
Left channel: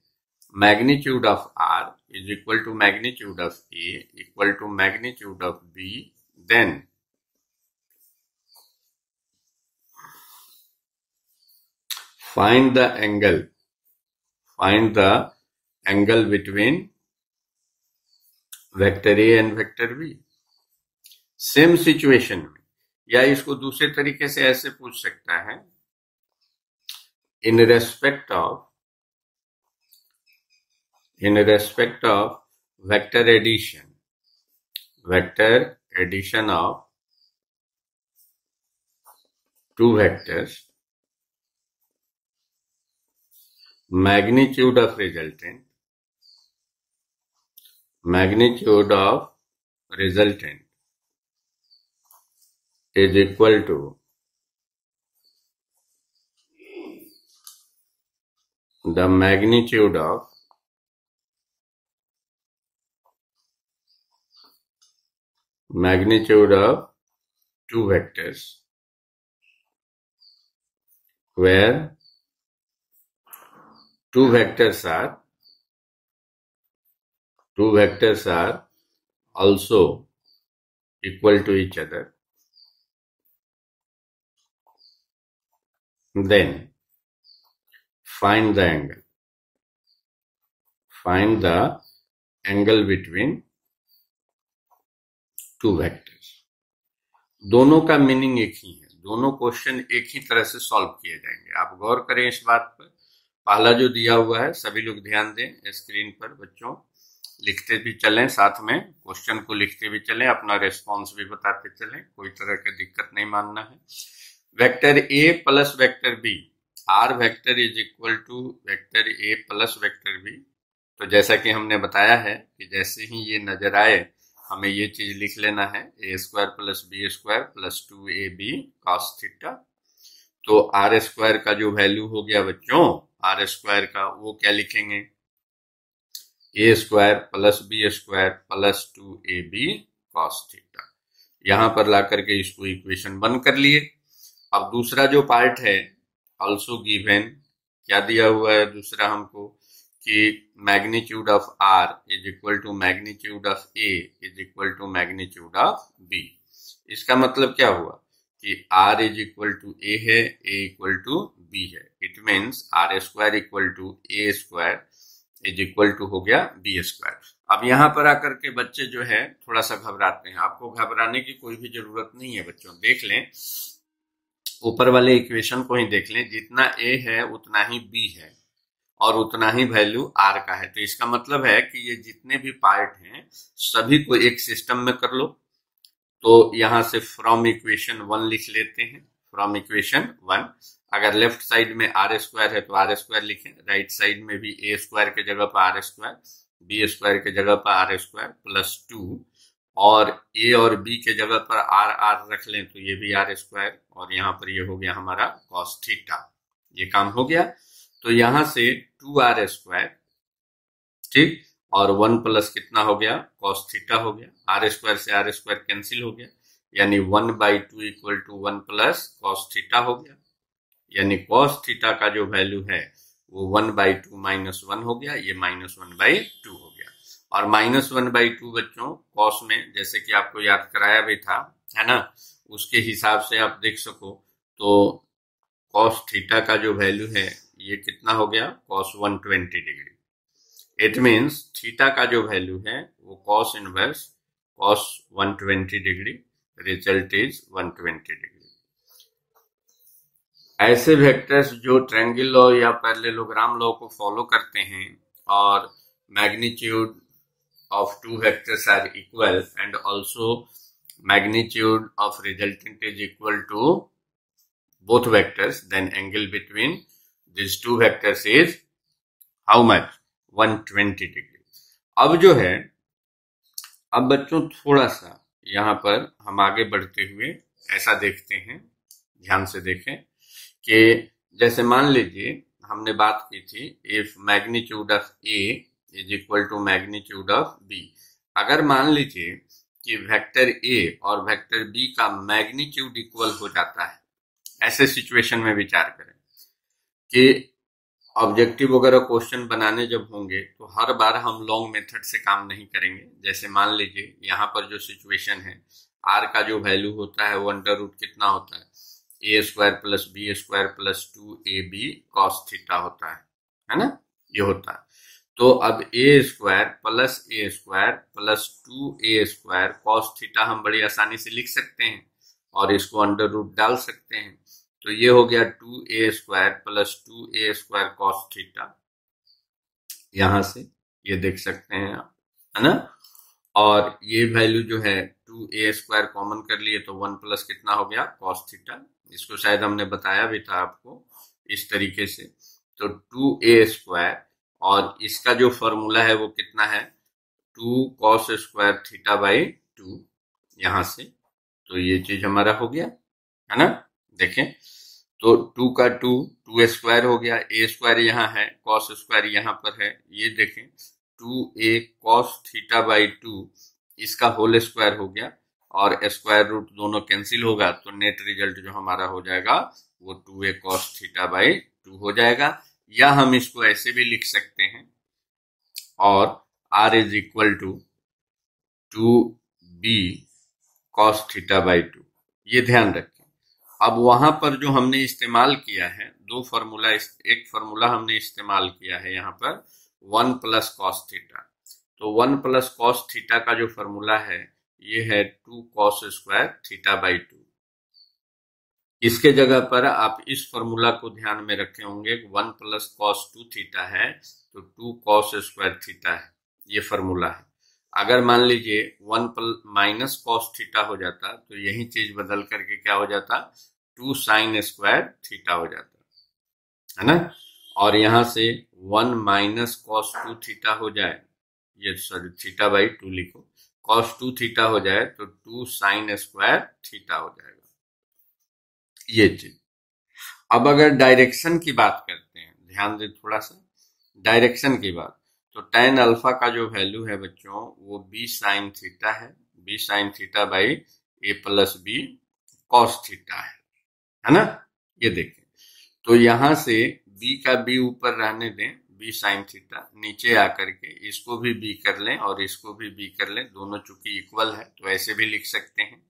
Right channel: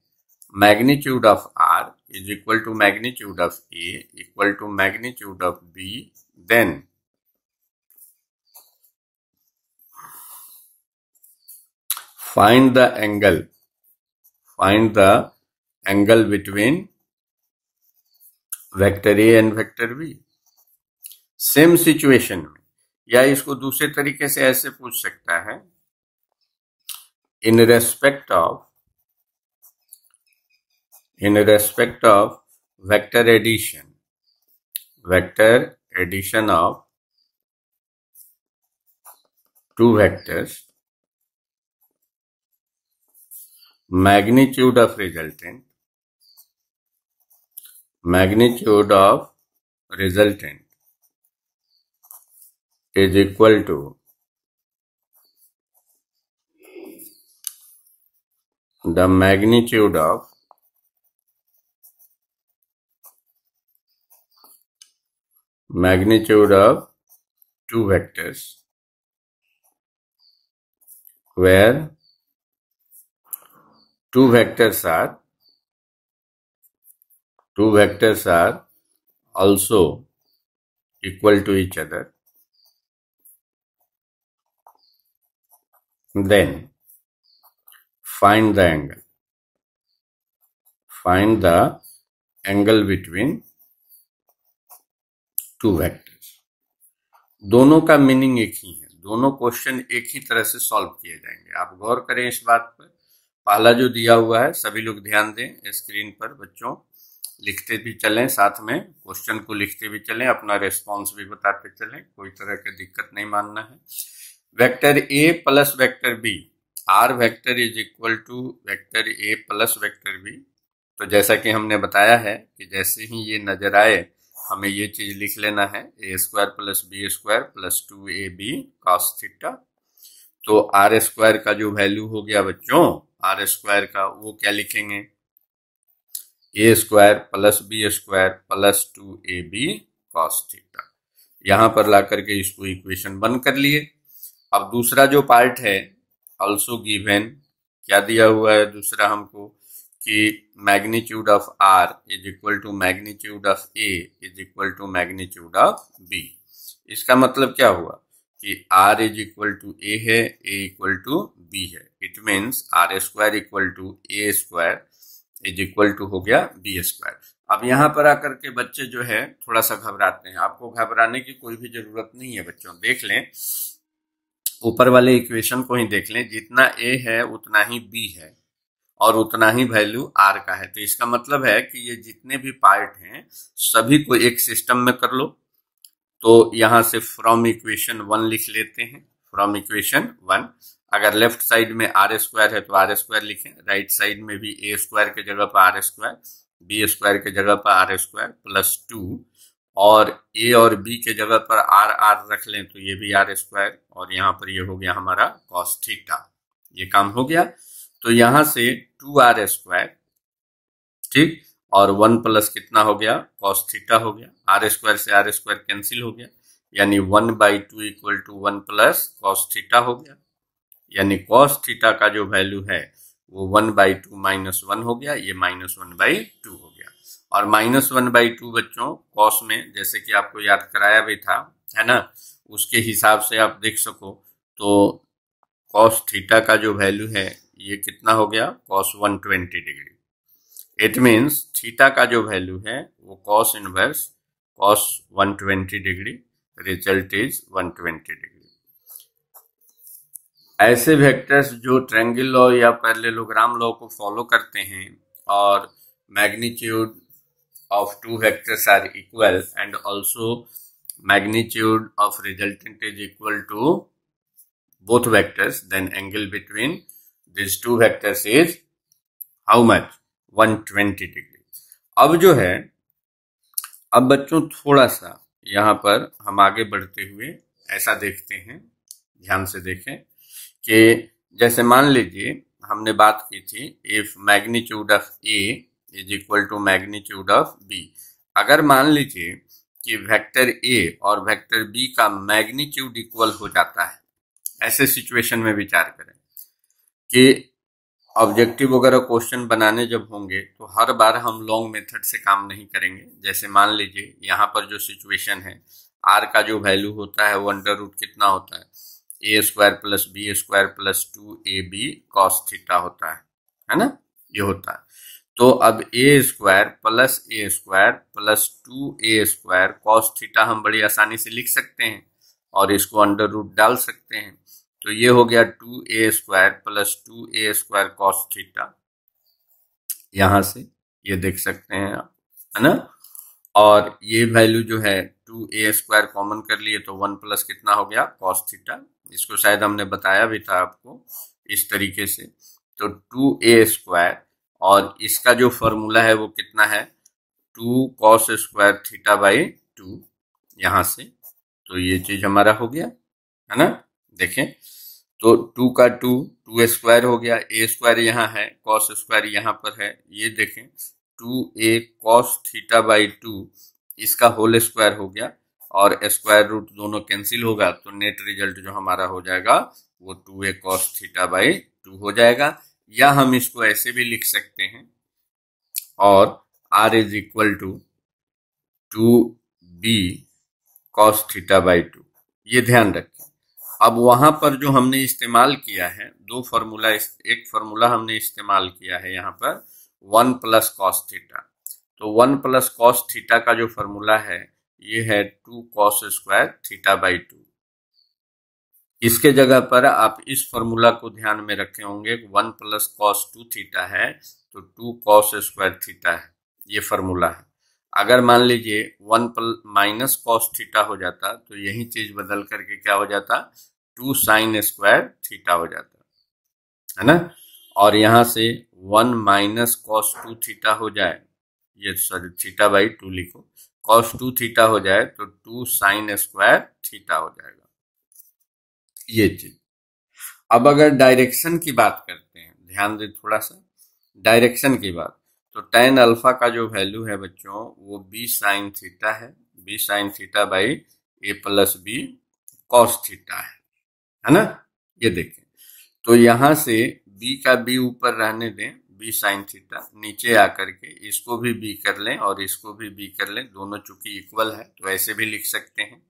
magnitude of r is equal to magnitude of a equal to magnitude of b, then find the angle between vector a and vector b। Same situation में, या इसको दूसरे तरीके से ऐसे पूछ सकता है, in respect of vector addition of two vectors, magnitude of resultant is equal to the magnitude of two vectors where two vectors are also equal to each other, then find the angle between two vectors। दोनों का meaning एक ही है, दोनों question एक ही तरह से solve किए जाएंगे। आप गौर करें इस बात पर। पहला जो दिया हुआ है, सभी लोग ध्यान दें स्क्रीन पर, बच्चों लिखते भी चलें, साथ में क्वेश्चन को लिखते भी चलें, अपना रेस्पॉन्स भी बताते चलें, कोई तरह की दिक्कत नहीं मानना है। Vector A plus vector B, R vector is equal to vector A plus vector B. तो जैसा कि हमने बताया है कि जैसे ही ये नजर आए हमें ये चीज लिख लेना है, a square plus B square plus 2ab cos theta. तो आर स्क्वायर का जो वैल्यू हो गया बच्चों, आर स्क्वायर का वो क्या लिखेंगे, a square plus B square plus 2ab cos theta. यहां पर ला करके इसको इक्वेशन 1 कर लिए। अब दूसरा जो पार्ट है, ऑल्सो गिवन, क्या दिया हुआ है दूसरा हमको, कि magnitude of are is equal to magnitude of A is equal to magnitude of B. इसका मतलब क्या हुआ कि R is equal to A है, ए इक्वल टू बी है। It means R square equal to A square is equal to हो गया B square. अब यहाँ पर आकर के बच्चे जो है थोड़ा सा घबराते हैं। आपको घबराने की कोई भी जरूरत नहीं है बच्चों, देख लें ऊपर वाले इक्वेशन को ही देख लें, जितना ए है उतना ही बी है और उतना ही वैल्यू आर का है। तो इसका मतलब है कि ये जितने भी पार्ट हैं सभी को एक सिस्टम में कर लो। तो यहां से फ्रॉम इक्वेशन 1 लिख लेते हैं, फ्रॉम इक्वेशन 1। अगर लेफ्ट साइड में आर स्क्वायर है तो आर स्क्वायर लिखें, राइट साइड में भी ए स्क्वायर के जगह पर आर स्क्वायर, बी स्क्वायर के जगह पर आर स्क्वायर प्लस 2, और ए और बी के जगह पर आर आर रख लें तो ये भी आर स्क्वायर, और यहाँ पर ये हो गया हमारा कॉस थीटा। ये काम हो गया। तो यहां से 2r स्क्वायर, ठीक, और 1 प्लस कितना हो गया, कॉस थीटा हो गया। आर स्क्वायर से आर स्क्वायर कैंसिल हो गया, यानी 1/2 equal to 1 plus cos theta हो गया। यानी कॉस थीटा का जो वैल्यू है वो 1/2 माइनस 1 हो गया, ये माइनस 1/2 हो गया। और माइनस 1/2 बच्चों कॉस में जैसे कि आपको याद कराया भी था, है ना, उसके हिसाब से आप देख सको तो कॉस थीटा का जो वैल्यू है ये कितना हो गया, cos 120 degree. It means theta का जो वैल्यू है वो cos inverse cos 120 degree, result is 120 degree. ऐसे वेक्टर्स जो ट्रायंगल लॉ या पैरेललोग्राम लॉ को फॉलो करते हैं और magnitude of two vectors are equal and also magnitude of resultant is equal to both vectors, then angle between these two vectors is how much, 120 degree। अब जो है, अब बच्चों थोड़ा सा यहाँ पर हम आगे बढ़ते हुए ऐसा देखते हैं, ध्यान से देखें कि जैसे मान लीजिए हमने बात की थी if magnitude of A is equal to magnitude of B. अगर मान लीजिए कि वेक्टर ए और वेक्टर बी का मैग्नीट्यूड इक्वल हो जाता है, ऐसे सिचुएशन में विचार करें कि ऑब्जेक्टिव वगैरह क्वेश्चन बनाने जब होंगे तो हर बार हम लॉन्ग मेथड से काम नहीं करेंगे। जैसे मान लीजिए यहाँ पर जो सिचुएशन है, आर का जो वैल्यू होता है वो अंडर रूट कितना होता है, a square plus B square plus 2ab cos theta होता है ना, ये होता है। तो अब a square plus A square plus 2a square cos theta हम बड़ी आसानी से लिख सकते हैं और इसको अंडर रूट डाल सकते हैं। तो ये हो गया 2a square plus 2a square cos theta, यहां से ये देख सकते हैं आप, है ना। और ये वैल्यू जो है 2a स्क्वायर कॉमन कर लिए तो 1 प्लस कितना हो गया, कॉस थीटा। इसको शायद हमने बताया भी था आपको इस तरीके से। तो 2a स्क्वायर और इसका जो फॉर्मूला है वो कितना है, 2 cos स्क्वायर थीटा बाई 2, यहां से। तो ये चीज हमारा हो गया, है ना। देखें तो 2 का 2 स्क्वायर हो गया, ए स्क्वायर यहाँ है, कॉस स्क्वायर यहाँ पर है, ये देखें 2a cos थीटा बाई 2, इसका होल स्क्वायर हो गया और स्क्वायर रूट दोनों कैंसिल होगा तो नेट रिजल्ट जो हमारा हो जाएगा वो 2a cos थीटा बाई 2 हो जाएगा। या हम इसको ऐसे भी लिख सकते हैं, और r is equal to 2b cos theta by 2, ये ध्यान रखें। अब वहां पर जो हमने इस्तेमाल किया है दो फॉर्मूला, एक फॉर्मूला हमने इस्तेमाल किया है यहाँ पर 1 प्लस कॉस थीटा। तो 1 प्लस कॉस थीटा का जो फॉर्मूला है ये है 2 cos स्क्वायर थीटा बाई 2। इसके जगह पर आप इस फॉर्मूला को ध्यान में रखे होंगे, 1 प्लस कॉस 2 थीटा है तो 2 cos स्क्वायर थीटा है, ये फॉर्मूला है। अगर मान लीजिए 1 माइनस कॉस थीटा हो जाता तो यही चीज बदल करके क्या हो जाता, 2 sin स्क्वायर थीटा हो जाता है ना। और यहां से 1 माइनस कॉस 2 थीटा हो जाए, ये सॉरी थीटा बाई 2 लिखो, कॉस 2 थीटा हो जाए तो 2 sin स्क्वायर थीटा हो जाएगा, ये चीज। अब अगर डायरेक्शन की बात करते हैं, ध्यान दे थोड़ा सा डायरेक्शन की बात, तो tan अल्फा का जो वैल्यू है बच्चों वो b sin थीटा है, b sin theta by a plus b cos theta है ना। ये देखिए, तो यहां से b का b ऊपर रहने दें, b sin थीटा, नीचे आकर के इसको भी b कर लें और इसको भी b कर लें, दोनों चूंकि इक्वल है तो ऐसे भी लिख सकते हैं।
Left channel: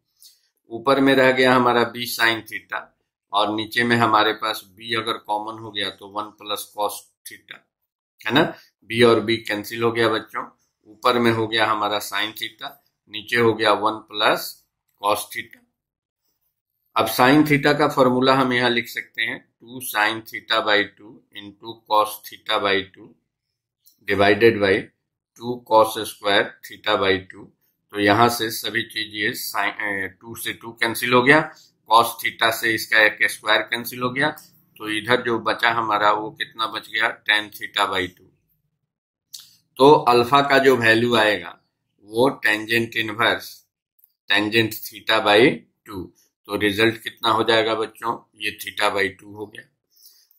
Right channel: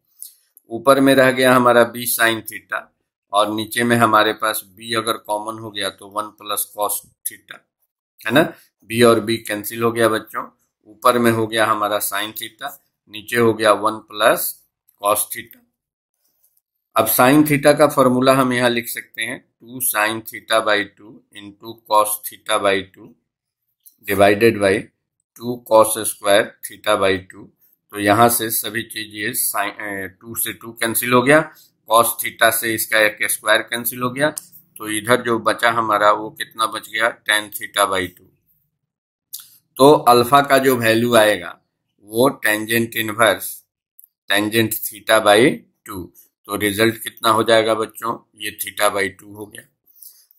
ऊपर में रह गया हमारा b sin थीटा और नीचे में हमारे पास b अगर कॉमन हो गया तो 1 प्लस कॉस थीटा है ना। b और b कैंसिल हो गया बच्चों, ऊपर में हो गया हमारा साइन थीटा, नीचे हो गया 1 प्लस कॉस थीटा। अब साइन थीटा का फॉर्मूला हम यहां लिख सकते हैं 2 sign theta by 2 into cos theta by 2 divided by 2 cos square theta by 2। तो यहां से सभी चीज ये साइन 2 से 2 कैंसिल हो गया, कॉस थीटा से इसका एक स्क्वायर कैंसिल हो गया, तो इधर जो बचा हमारा वो कितना बच गया tan थीटा बाई 2। तो अल्फा का जो वैल्यू आएगा वो tangent inverse tangent theta by 2। तो रिजल्ट कितना हो जाएगा बच्चों, ये थीटा बाई 2 हो गया।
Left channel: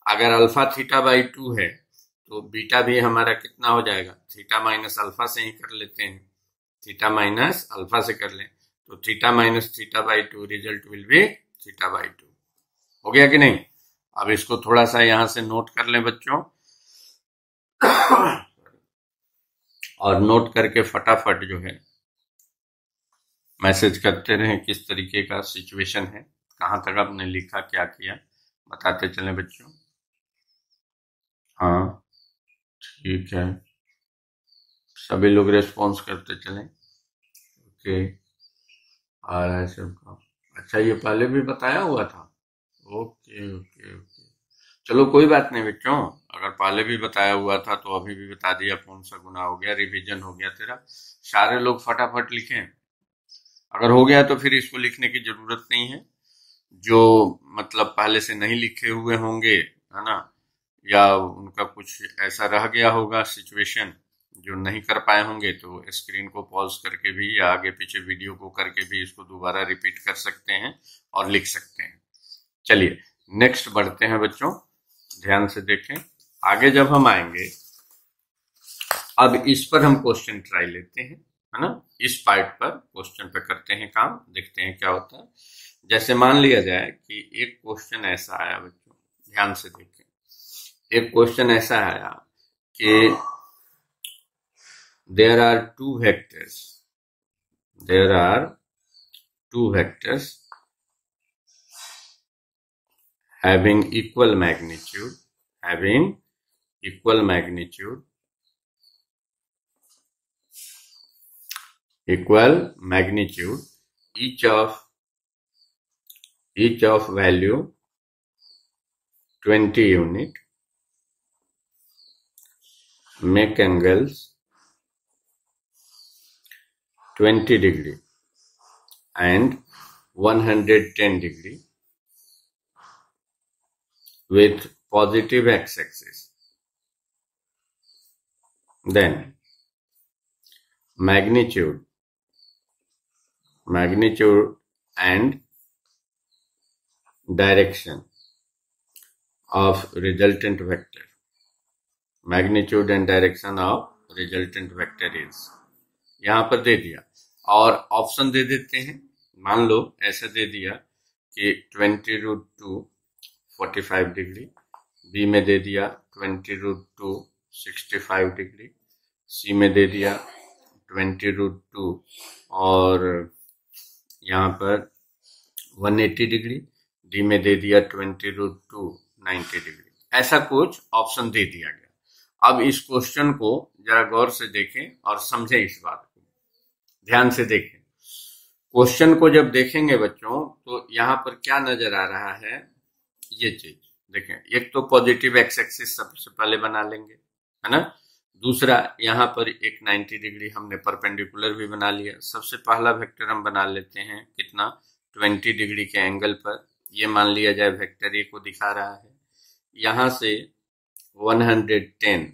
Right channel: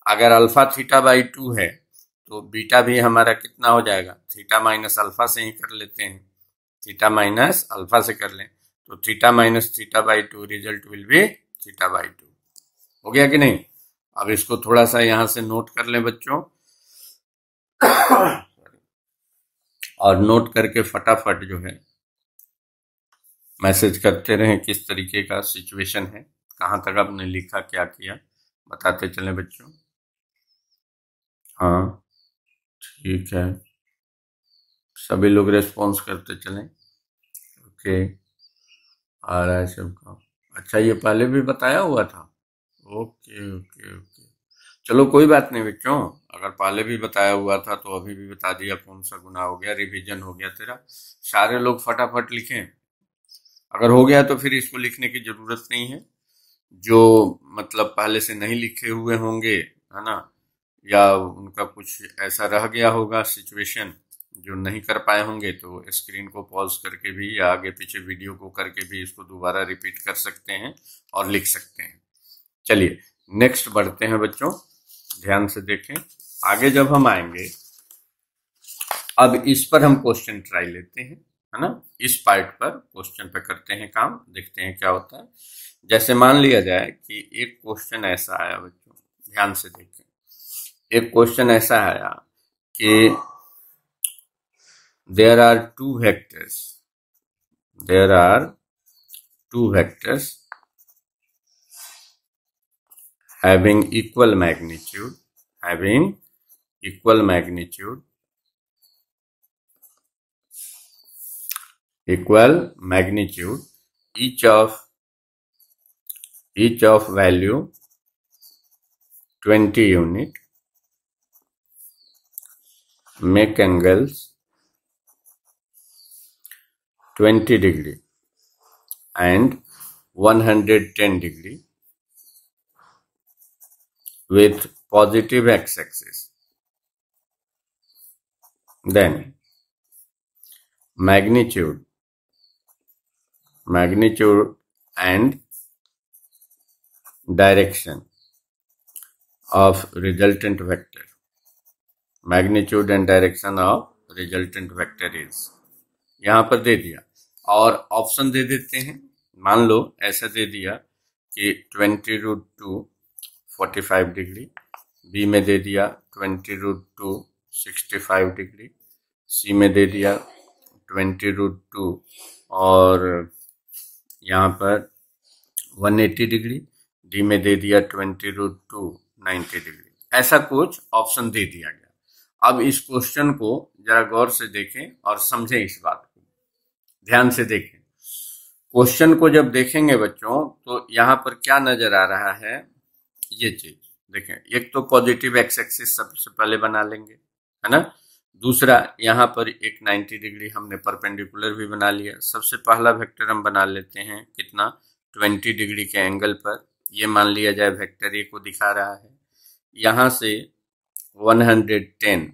अगर अल्फा थीटा बाई 2 है तो बीटा भी हमारा कितना हो जाएगा, थीटा माइनस अल्फा से ही कर लेते हैं, थीटा माइनस अल्फा से कर लें, तो theta minus theta by 2 result will B theta by 2। हो गया कि नहीं। अब इसको थोड़ा सा यहां से नोट कर लें बच्चों और नोट करके फटाफट जो है मैसेज करते रहें किस तरीके का सिचुएशन है, कहां तक आपने लिखा क्या किया, बताते चलें बच्चों। हाँ ठीक है, सभी लोग रेस्पॉन्स करते चलें। ओके, आ रहा है सबका। अच्छा, ये पहले भी बताया हुआ था। ओके ओके ओके, चलो कोई बात नहीं बच्चों, अगर पहले भी बताया हुआ था तो अभी भी बता दिया, कौन सा गुना हो गया, रिवीजन हो गया तेरा। सारे लोग फटाफट लिखें, अगर हो गया तो फिर इसको लिखने की जरूरत नहीं है। जो मतलब पहले से नहीं लिखे हुए होंगे है ना, या उनका कुछ ऐसा रह गया होगा सिचुएशन जो नहीं कर पाए होंगे, तो स्क्रीन को पॉज करके भी या आगे पीछे वीडियो को करके भी इसको दोबारा रिपीट कर सकते हैं और लिख सकते हैं। चलिए नेक्स्ट बढ़ते हैं बच्चों, ध्यान से देखें। आगे जब हम आएंगे, अब इस पर हम क्वेश्चन ट्राई लेते हैं, है ना, इस पार्ट पर क्वेश्चन पे करते हैं काम, देखते हैं क्या होता है। जैसे मान लिया जाए कि एक क्वेश्चन ऐसा आया बच्चों, ध्यान से देखें, एक क्वेश्चन ऐसा आया कि there are two vectors having equal magnitude, each of value 20 unit, make angles 20 degree and 110 degree with positive x-axis. Then magnitude and direction of resultant vector. Magnitude and direction of resultant vector is, यहां पर दे दिया और option दे देते हैं। मान लो ऐसा दे दिया कि 20√2 45 डिग्री, बी में दे दिया 20√2 65 डिग्री, सी में दे दिया 20√2 और यहाँ पर 180 डिग्री, डी में दे दिया 20√2 90 डिग्री। ऐसा कुछ ऑप्शन दे दिया गया। अब इस क्वेश्चन को जरा गौर से देखें और समझें, इस बात को ध्यान से देखें। क्वेश्चन को जब देखेंगे बच्चों तो यहाँ पर क्या नजर आ रहा है, ये चीज देखें। एक तो पॉजिटिव एक्स एक्सिस सबसे पहले बना लेंगे, है ना। दूसरा यहाँ पर एक 90 डिग्री हमने परपेंडिकुलर भी बना लिया। सबसे पहला वेक्टर हम बना लेते हैं कितना, 20 डिग्री के एंगल पर, ये मान लिया जाए वेक्टर ए को दिखा रहा है, यहां से 110,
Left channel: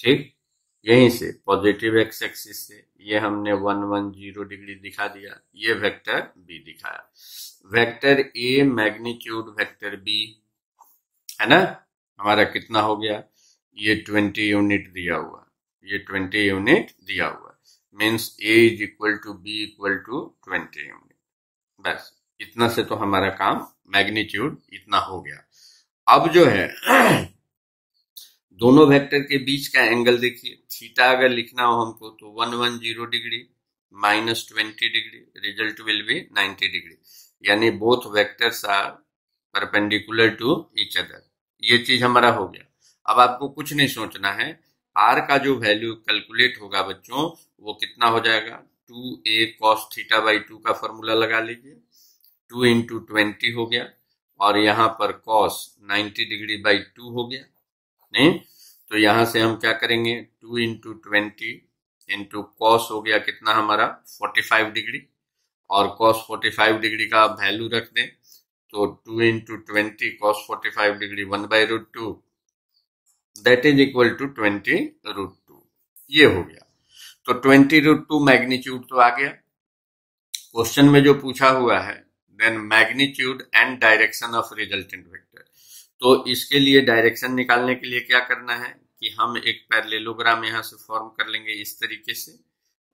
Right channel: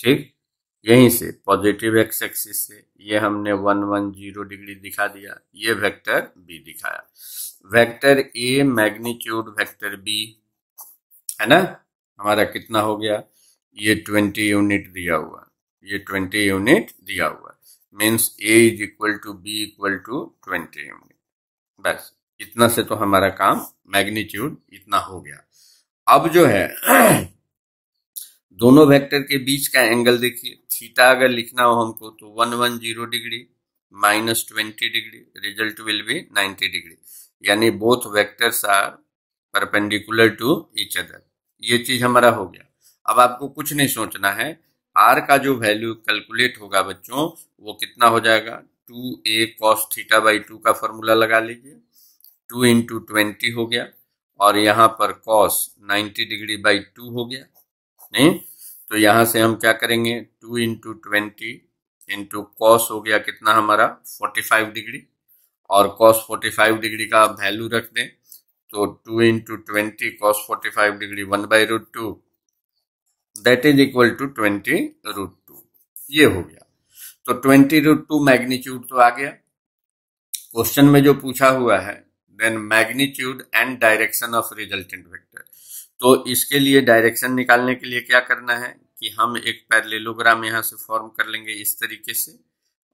ठीक, यहीं से पॉजिटिव एक्स एक्सिस से ये हमने 110 डिग्री दिखा दिया, ये वेक्टर बी दिखाया। Vector A magnitude vector B है ना, हमारा कितना हो गया, ये 20 यूनिट दिया हुआ, ये 20 यूनिट दिया हुआ, means A is equal to B equal to 20 unit. बस इतना से तो हमारा काम मैग्नीट्यूड इतना हो गया। अब जो है दोनों वेक्टर के बीच का एंगल देखिए, थीटा अगर लिखना हो हमको तो 110 degree minus 20 degree, result will be 90 degree, यानी both vectors are perpendicular to each other. ये चीज हमारा हो गया। अब आपको कुछ नहीं सोचना है, आर का जो वैल्यू कैलकुलेट होगा बच्चों वो कितना हो जाएगा, 2a cos थीटा बाई 2 का फॉर्मूला लगा लीजिए, 2 इंटू 20 हो गया, और यहाँ पर cos 90 डिग्री बाई 2 हो गया, नहीं तो यहां से हम क्या करेंगे, 2 इंटू 20 इंटू कॉस हो गया कितना हमारा 45 डिग्री, और cos 45 डिग्री का आप वैल्यू रख दें तो 2 into 20 cos 45 degree 1/√2 that is equal to 20√2, ये हो गया। तो 20√2 मैग्नीट्यूड तो आ गया। क्वेश्चन में जो पूछा हुआ है then magnitude and direction of resultant vector, तो इसके लिए डायरेक्शन निकालने के लिए क्या करना है कि हम एक पैरेललोग्राम यहां से फॉर्म कर लेंगे इस तरीके से,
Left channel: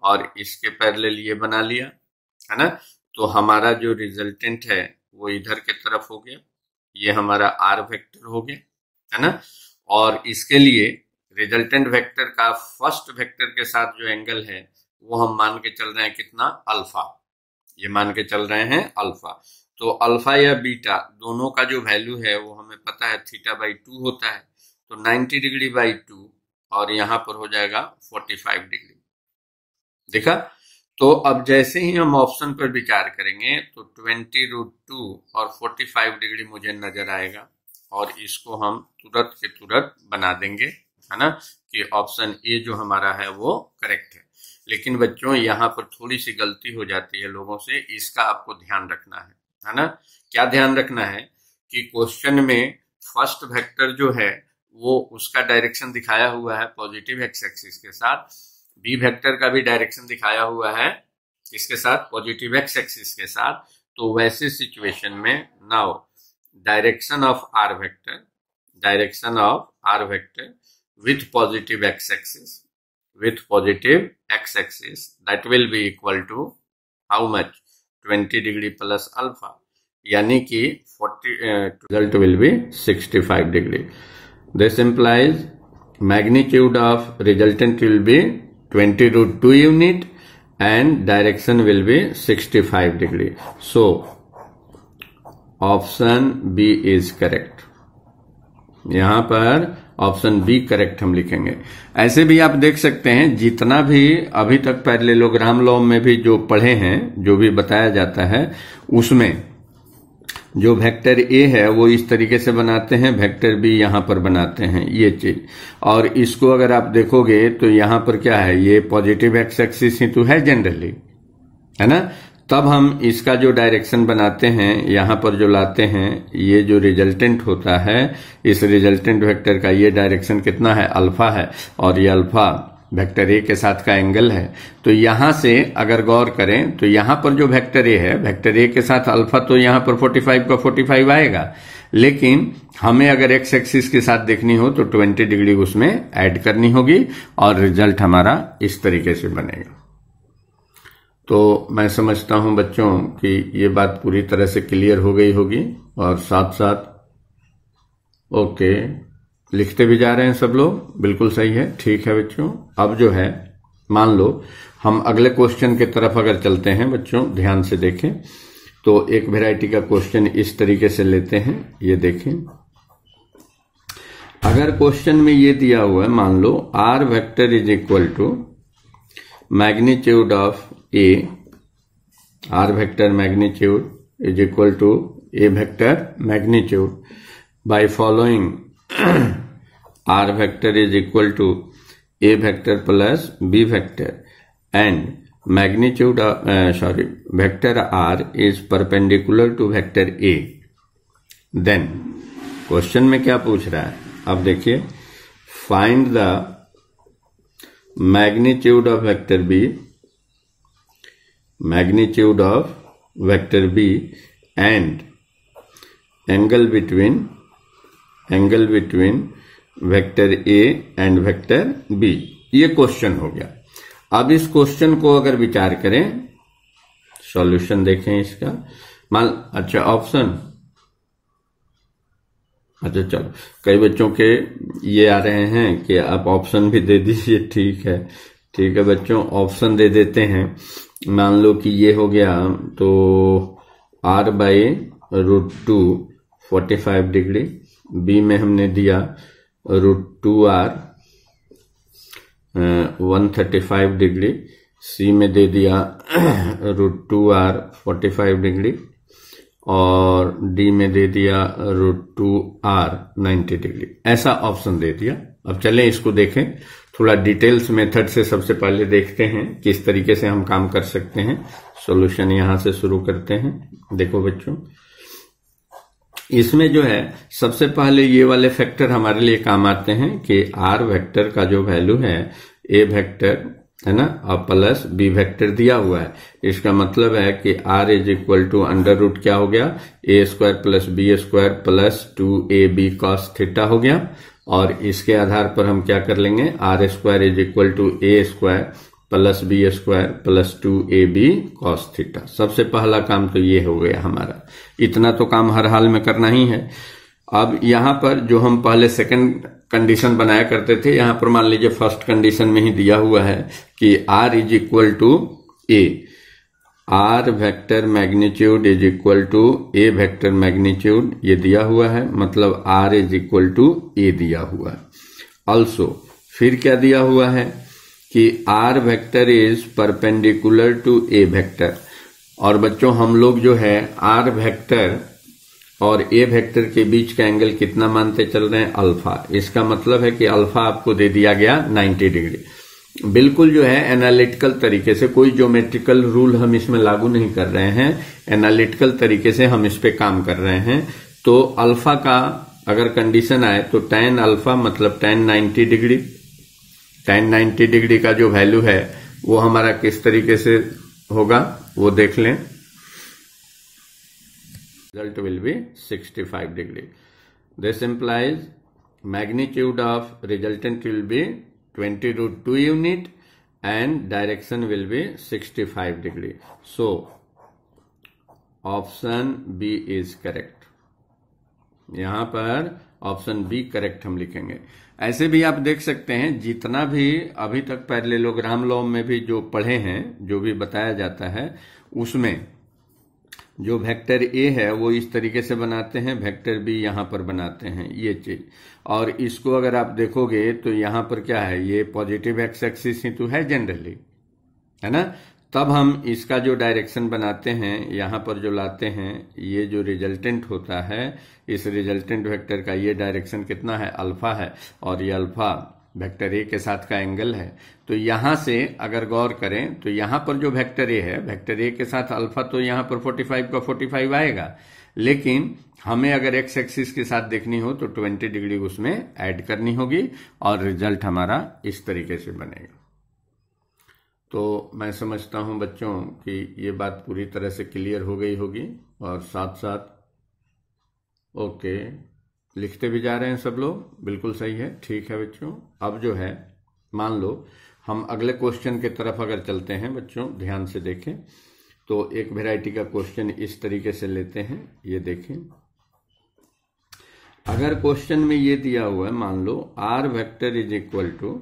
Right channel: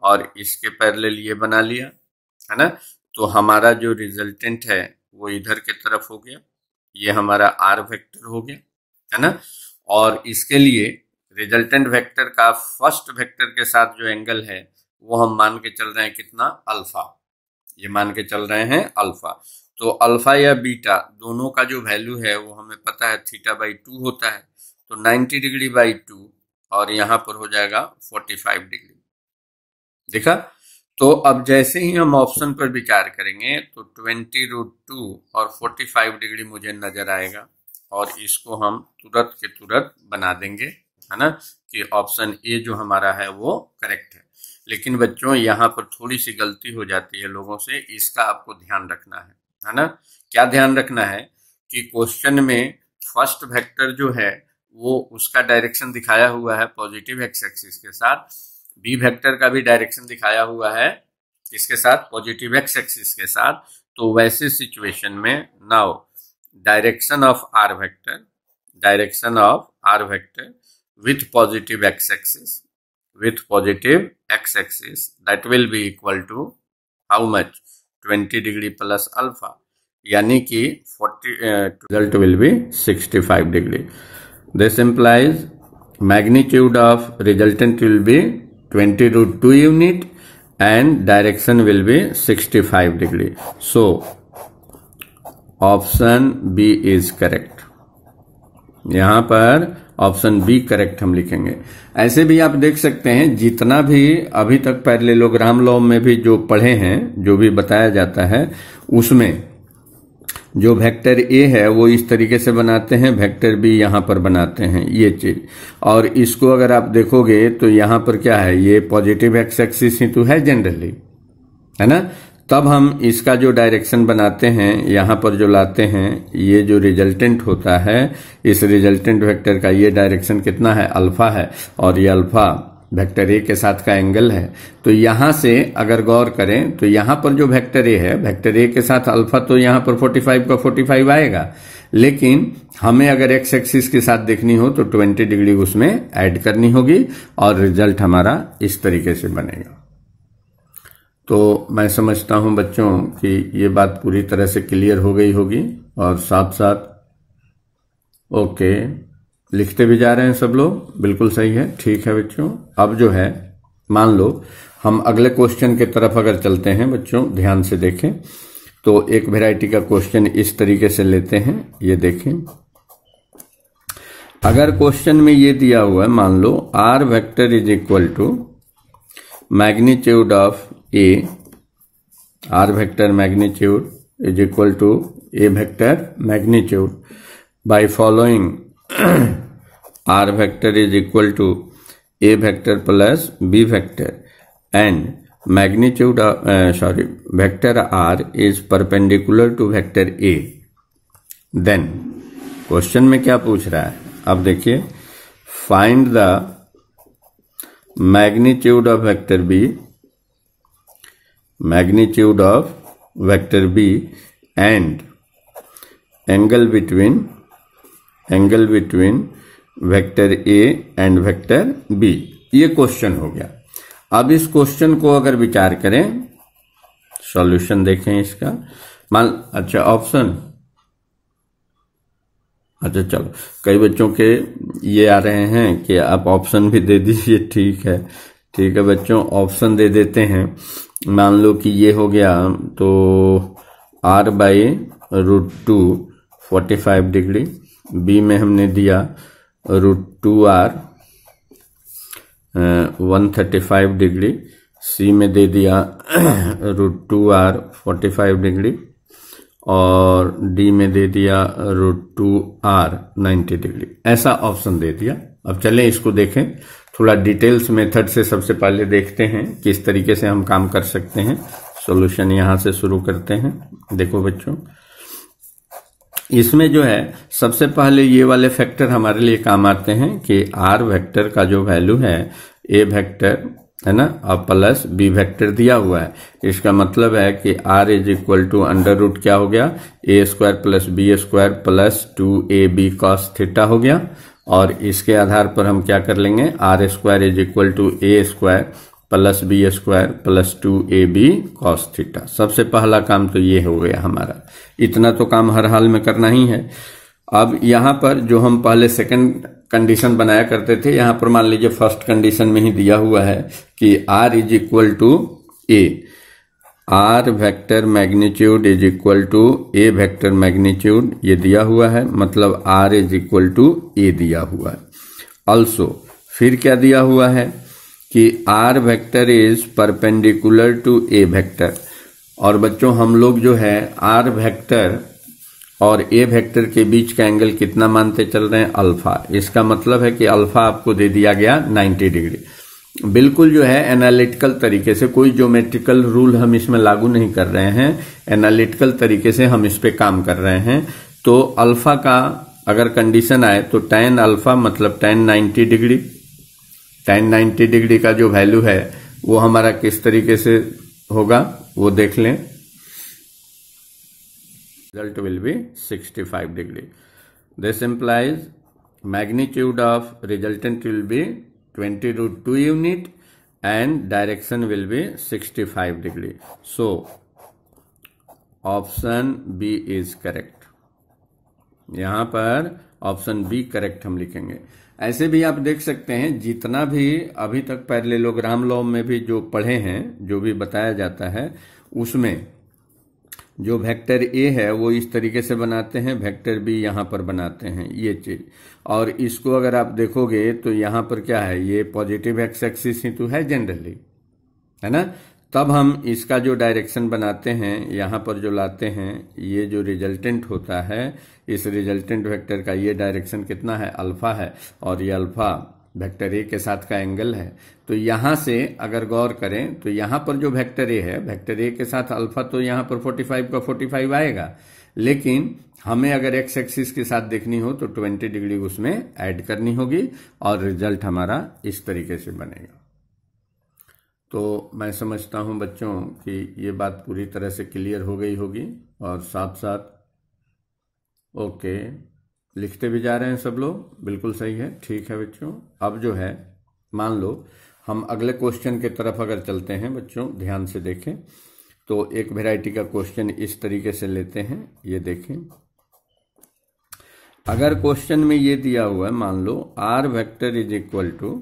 और इसके पैरेलल ये बना लिया है ना, तो हमारा जो रिजल्टेंट है वो इधर के तरफ हो गया, ये हमारा आर वेक्टर हो गया है ना, और इसके लिए रिजल्टेंट वेक्टर का फर्स्ट वेक्टर के साथ जो एंगल है वो हम मान के चल रहे हैं कितना, अल्फा, ये मान के चल रहे हैं अल्फा। तो अल्फा या बीटा दोनों का जो वैल्यू है वो हमें पता है थीटा बाई 2 होता है, तो 90 डिग्री बाई 2 और यहां पर हो जाएगा 45 डिग्री, देखा। तो अब जैसे ही हम ऑप्शन पर विचार करेंगे तो 20√2 और 45 डिग्री मुझे नजर आएगा, और इसको हम तुरंत के तुरंत बना देंगे, है ना, कि ऑप्शन ए जो हमारा है वो करेक्ट है। लेकिन बच्चों यहाँ पर थोड़ी सी गलती हो जाती है लोगों से, इसका आपको ध्यान रखना है ना। क्या ध्यान रखना है कि क्वेश्चन में फर्स्ट वेक्टर जो है वो उसका डायरेक्शन दिखाया हुआ है पॉजिटिव एक्स एक्सिस के साथ, बी वेक्टर का भी डायरेक्शन दिखाया हुआ है इसके साथ, पॉजिटिव एक्स एक्सिस के साथ। तो वैसे सिचुएशन में now direction of R vector with positive x-axis that will be equal to how much, 20 degree plus alpha, यानी कि 40 result will be 65 degree. This implies magnitude of resultant will be 20√2 unit and direction will be 65 degree. So option B is correct. यहाँ पर option B correct हम लिखेंगे। ऐसे भी आप देख सकते हैं जितना भी अभी तक पैरेललोग्राम लॉ में भी जो पढ़े हैं, जो भी बताया जाता है, उसमें जो वेक्टर ए है वो इस तरीके से बनाते हैं, वेक्टर बी यहाँ पर बनाते हैं, ये चीज। और इसको अगर आप देखोगे तो यहाँ पर क्या है, ये पॉजिटिव एक्स एक्सिस ही तो है जनरली, है ना। तब हम इसका जो डायरेक्शन बनाते हैं यहाँ पर जो लाते हैं, ये जो रिजल्टेंट होता है इस रिजल्टेंट वेक्टर का ये डायरेक्शन कितना है, अल्फा है, और ये अल्फा वेक्टर ए के साथ का एंगल है। तो यहां से अगर गौर करें तो यहाँ पर जो वेक्टर ए है, वेक्टर ए के साथ अल्फा, तो यहाँ पर 45 का 45 आएगा, लेकिन हमें अगर एक्स एक्सिस के साथ देखनी हो तो 20 डिग्री उसमें ऐड करनी होगी, और रिजल्ट हमारा इस तरीके से बनेगा। तो मैं समझता हूं बच्चों कि ये बात पूरी तरह से क्लियर हो गई होगी, और साथ साथ ओके लिखते भी जा रहे हैं सब लोग, बिल्कुल सही है, ठीक है बच्चों। अब जो है मान लो हम अगले क्वेश्चन की तरफ अगर चलते हैं बच्चों, ध्यान से देखें तो एक वैरायटी का क्वेश्चन इस तरीके से लेते हैं, ये देखें। अगर क्वेश्चन में ये दिया हुआ है, मान लो r vector is equal to magnitude of a, are vector magnitude is equal to A vector magnitude by following r vector is equal to a vector plus b vector, and magnitude of vector r is perpendicular to vector a, then question में क्या पूछ रहा है, अब देखिए, find the magnitude of vector B, magnitude of vector B and angle between vector A and vector B. ये question हो गया। अब इस क्वेश्चन को अगर विचार करें, सॉल्यूशन देखें इसका, अच्छा ऑप्शन, अच्छा चलो, कई बच्चों के ये आ रहे हैं कि आप ऑप्शन भी दे दीजिए। ठीक है बच्चों, ऑप्शन दे देते हैं। मान लो कि ये हो गया तो r/√2 45 डिग्री, बी में हमने दिया √2r 135 डिग्री, सी में दे दिया √2r 45 डिग्री और डी में दे दिया √2r 90 डिग्री। ऐसा ऑप्शन दे दिया। अब चलें इसको देखें, थोड़ा डिटेल्स मेथड से सबसे पहले देखते हैं किस तरीके से हम काम कर सकते हैं। सॉल्यूशन यहां से शुरू करते हैं। देखो बच्चों, इसमें जो है सबसे पहले ये वाले फैक्टर हमारे लिए काम आते हैं कि r वेक्टर का जो वैल्यू है, a वेक्टर है ना, और प्लस b वेक्टर दिया हुआ है। इसका मतलब है कि r is equal to under root क्या हो गया, a² plus b² plus 2ab cos theta हो गया। और इसके आधार पर हम क्या कर लेंगे, r² is equal to a² plus b² plus 2ab cos theta. सबसे पहला काम तो ये हो गया हमारा। इतना तो काम हर हाल में करना ही है। अब यहां पर जो हम पहले सेकंड कंडीशन बनाया करते थे, यहां पर मान लीजिए फर्स्ट कंडीशन में ही दिया हुआ है कि r is equal to a, r vector magnitude is equal to a vector magnitude, ये दिया हुआ है, मतलब r is equal to a दिया हुआ है। ऑल्सो फिर क्या दिया हुआ है कि r vector is perpendicular to a vector. और बच्चों हम लोग जो है r वेक्टर और a वेक्टर के बीच का एंगल कितना मानते चल रहे हैं, अल्फा। इसका मतलब है कि अल्फा आपको दे दिया गया 90 डिग्री। बिल्कुल जो है एनालिटिकल तरीके से, कोई ज्योमेट्रिकल रूल हम इसमें लागू नहीं कर रहे हैं, एनालिटिकल तरीके से हम इस पे काम कर रहे हैं। तो अल्फा का अगर कंडीशन आए तो tan अल्फा मतलब tan 90 डिग्री, tan 90 डिग्री का जो वैल्यू है वो हमारा किस तरीके से होगा वो देख लें। Result will be 65 degree. This implies magnitude of resultant will be 20√2 unit and direction will be 65 degree. So option B is correct. यहां पर ऑप्शन बी करेक्ट हम लिखेंगे। ऐसे भी आप देख सकते हैं, जितना भी अभी तक पैरेललोग्राम लॉ में भी जो पढ़े हैं, जो भी बताया जाता है, उसमें जो वेक्टर ए है वो इस तरीके से बनाते हैं, वेक्टर बी यहां पर बनाते हैं, ये चीज। और इसको अगर आप देखोगे तो यहां पर क्या है, ये पॉजिटिव एक्स एक्सिस ही तो है जनरली, है ना। तब हम इसका जो डायरेक्शन बनाते हैं, यहां पर जो लाते हैं, ये जो रिजल्टेंट होता है, इस रिजल्टेंट वेक्टर का ये डायरेक्शन कितना है, अल्फा है, और ये अल्फा वेक्टर ए के साथ का एंगल है। तो यहां से अगर गौर करें तो यहां पर जो वेक्टर ए है, वेक्टर ए के साथ अल्फा, तो यहां पर 45 का 45 आएगा, लेकिन हमें अगर एक्स एक्सिस के साथ देखनी हो तो 20 डिग्री उसमें ऐड करनी होगी और रिजल्ट हमारा इस तरीके से बनेगा। तो मैं समझता हूं बच्चों कि ये बात पूरी तरह से क्लियर हो गई होगी। और साथ साथ ओके, लिखते भी जा रहे हैं सब लोग, बिल्कुल सही है, ठीक है बच्चों। अब जो है मान लो हम अगले क्वेश्चन की तरफ अगर चलते हैं बच्चों, ध्यान से देखें तो एक वैरायटी का क्वेश्चन इस तरीके से लेते हैं। ये देखें, अगर क्वेश्चन में ये दिया हुआ है, मान लो r vector is equal to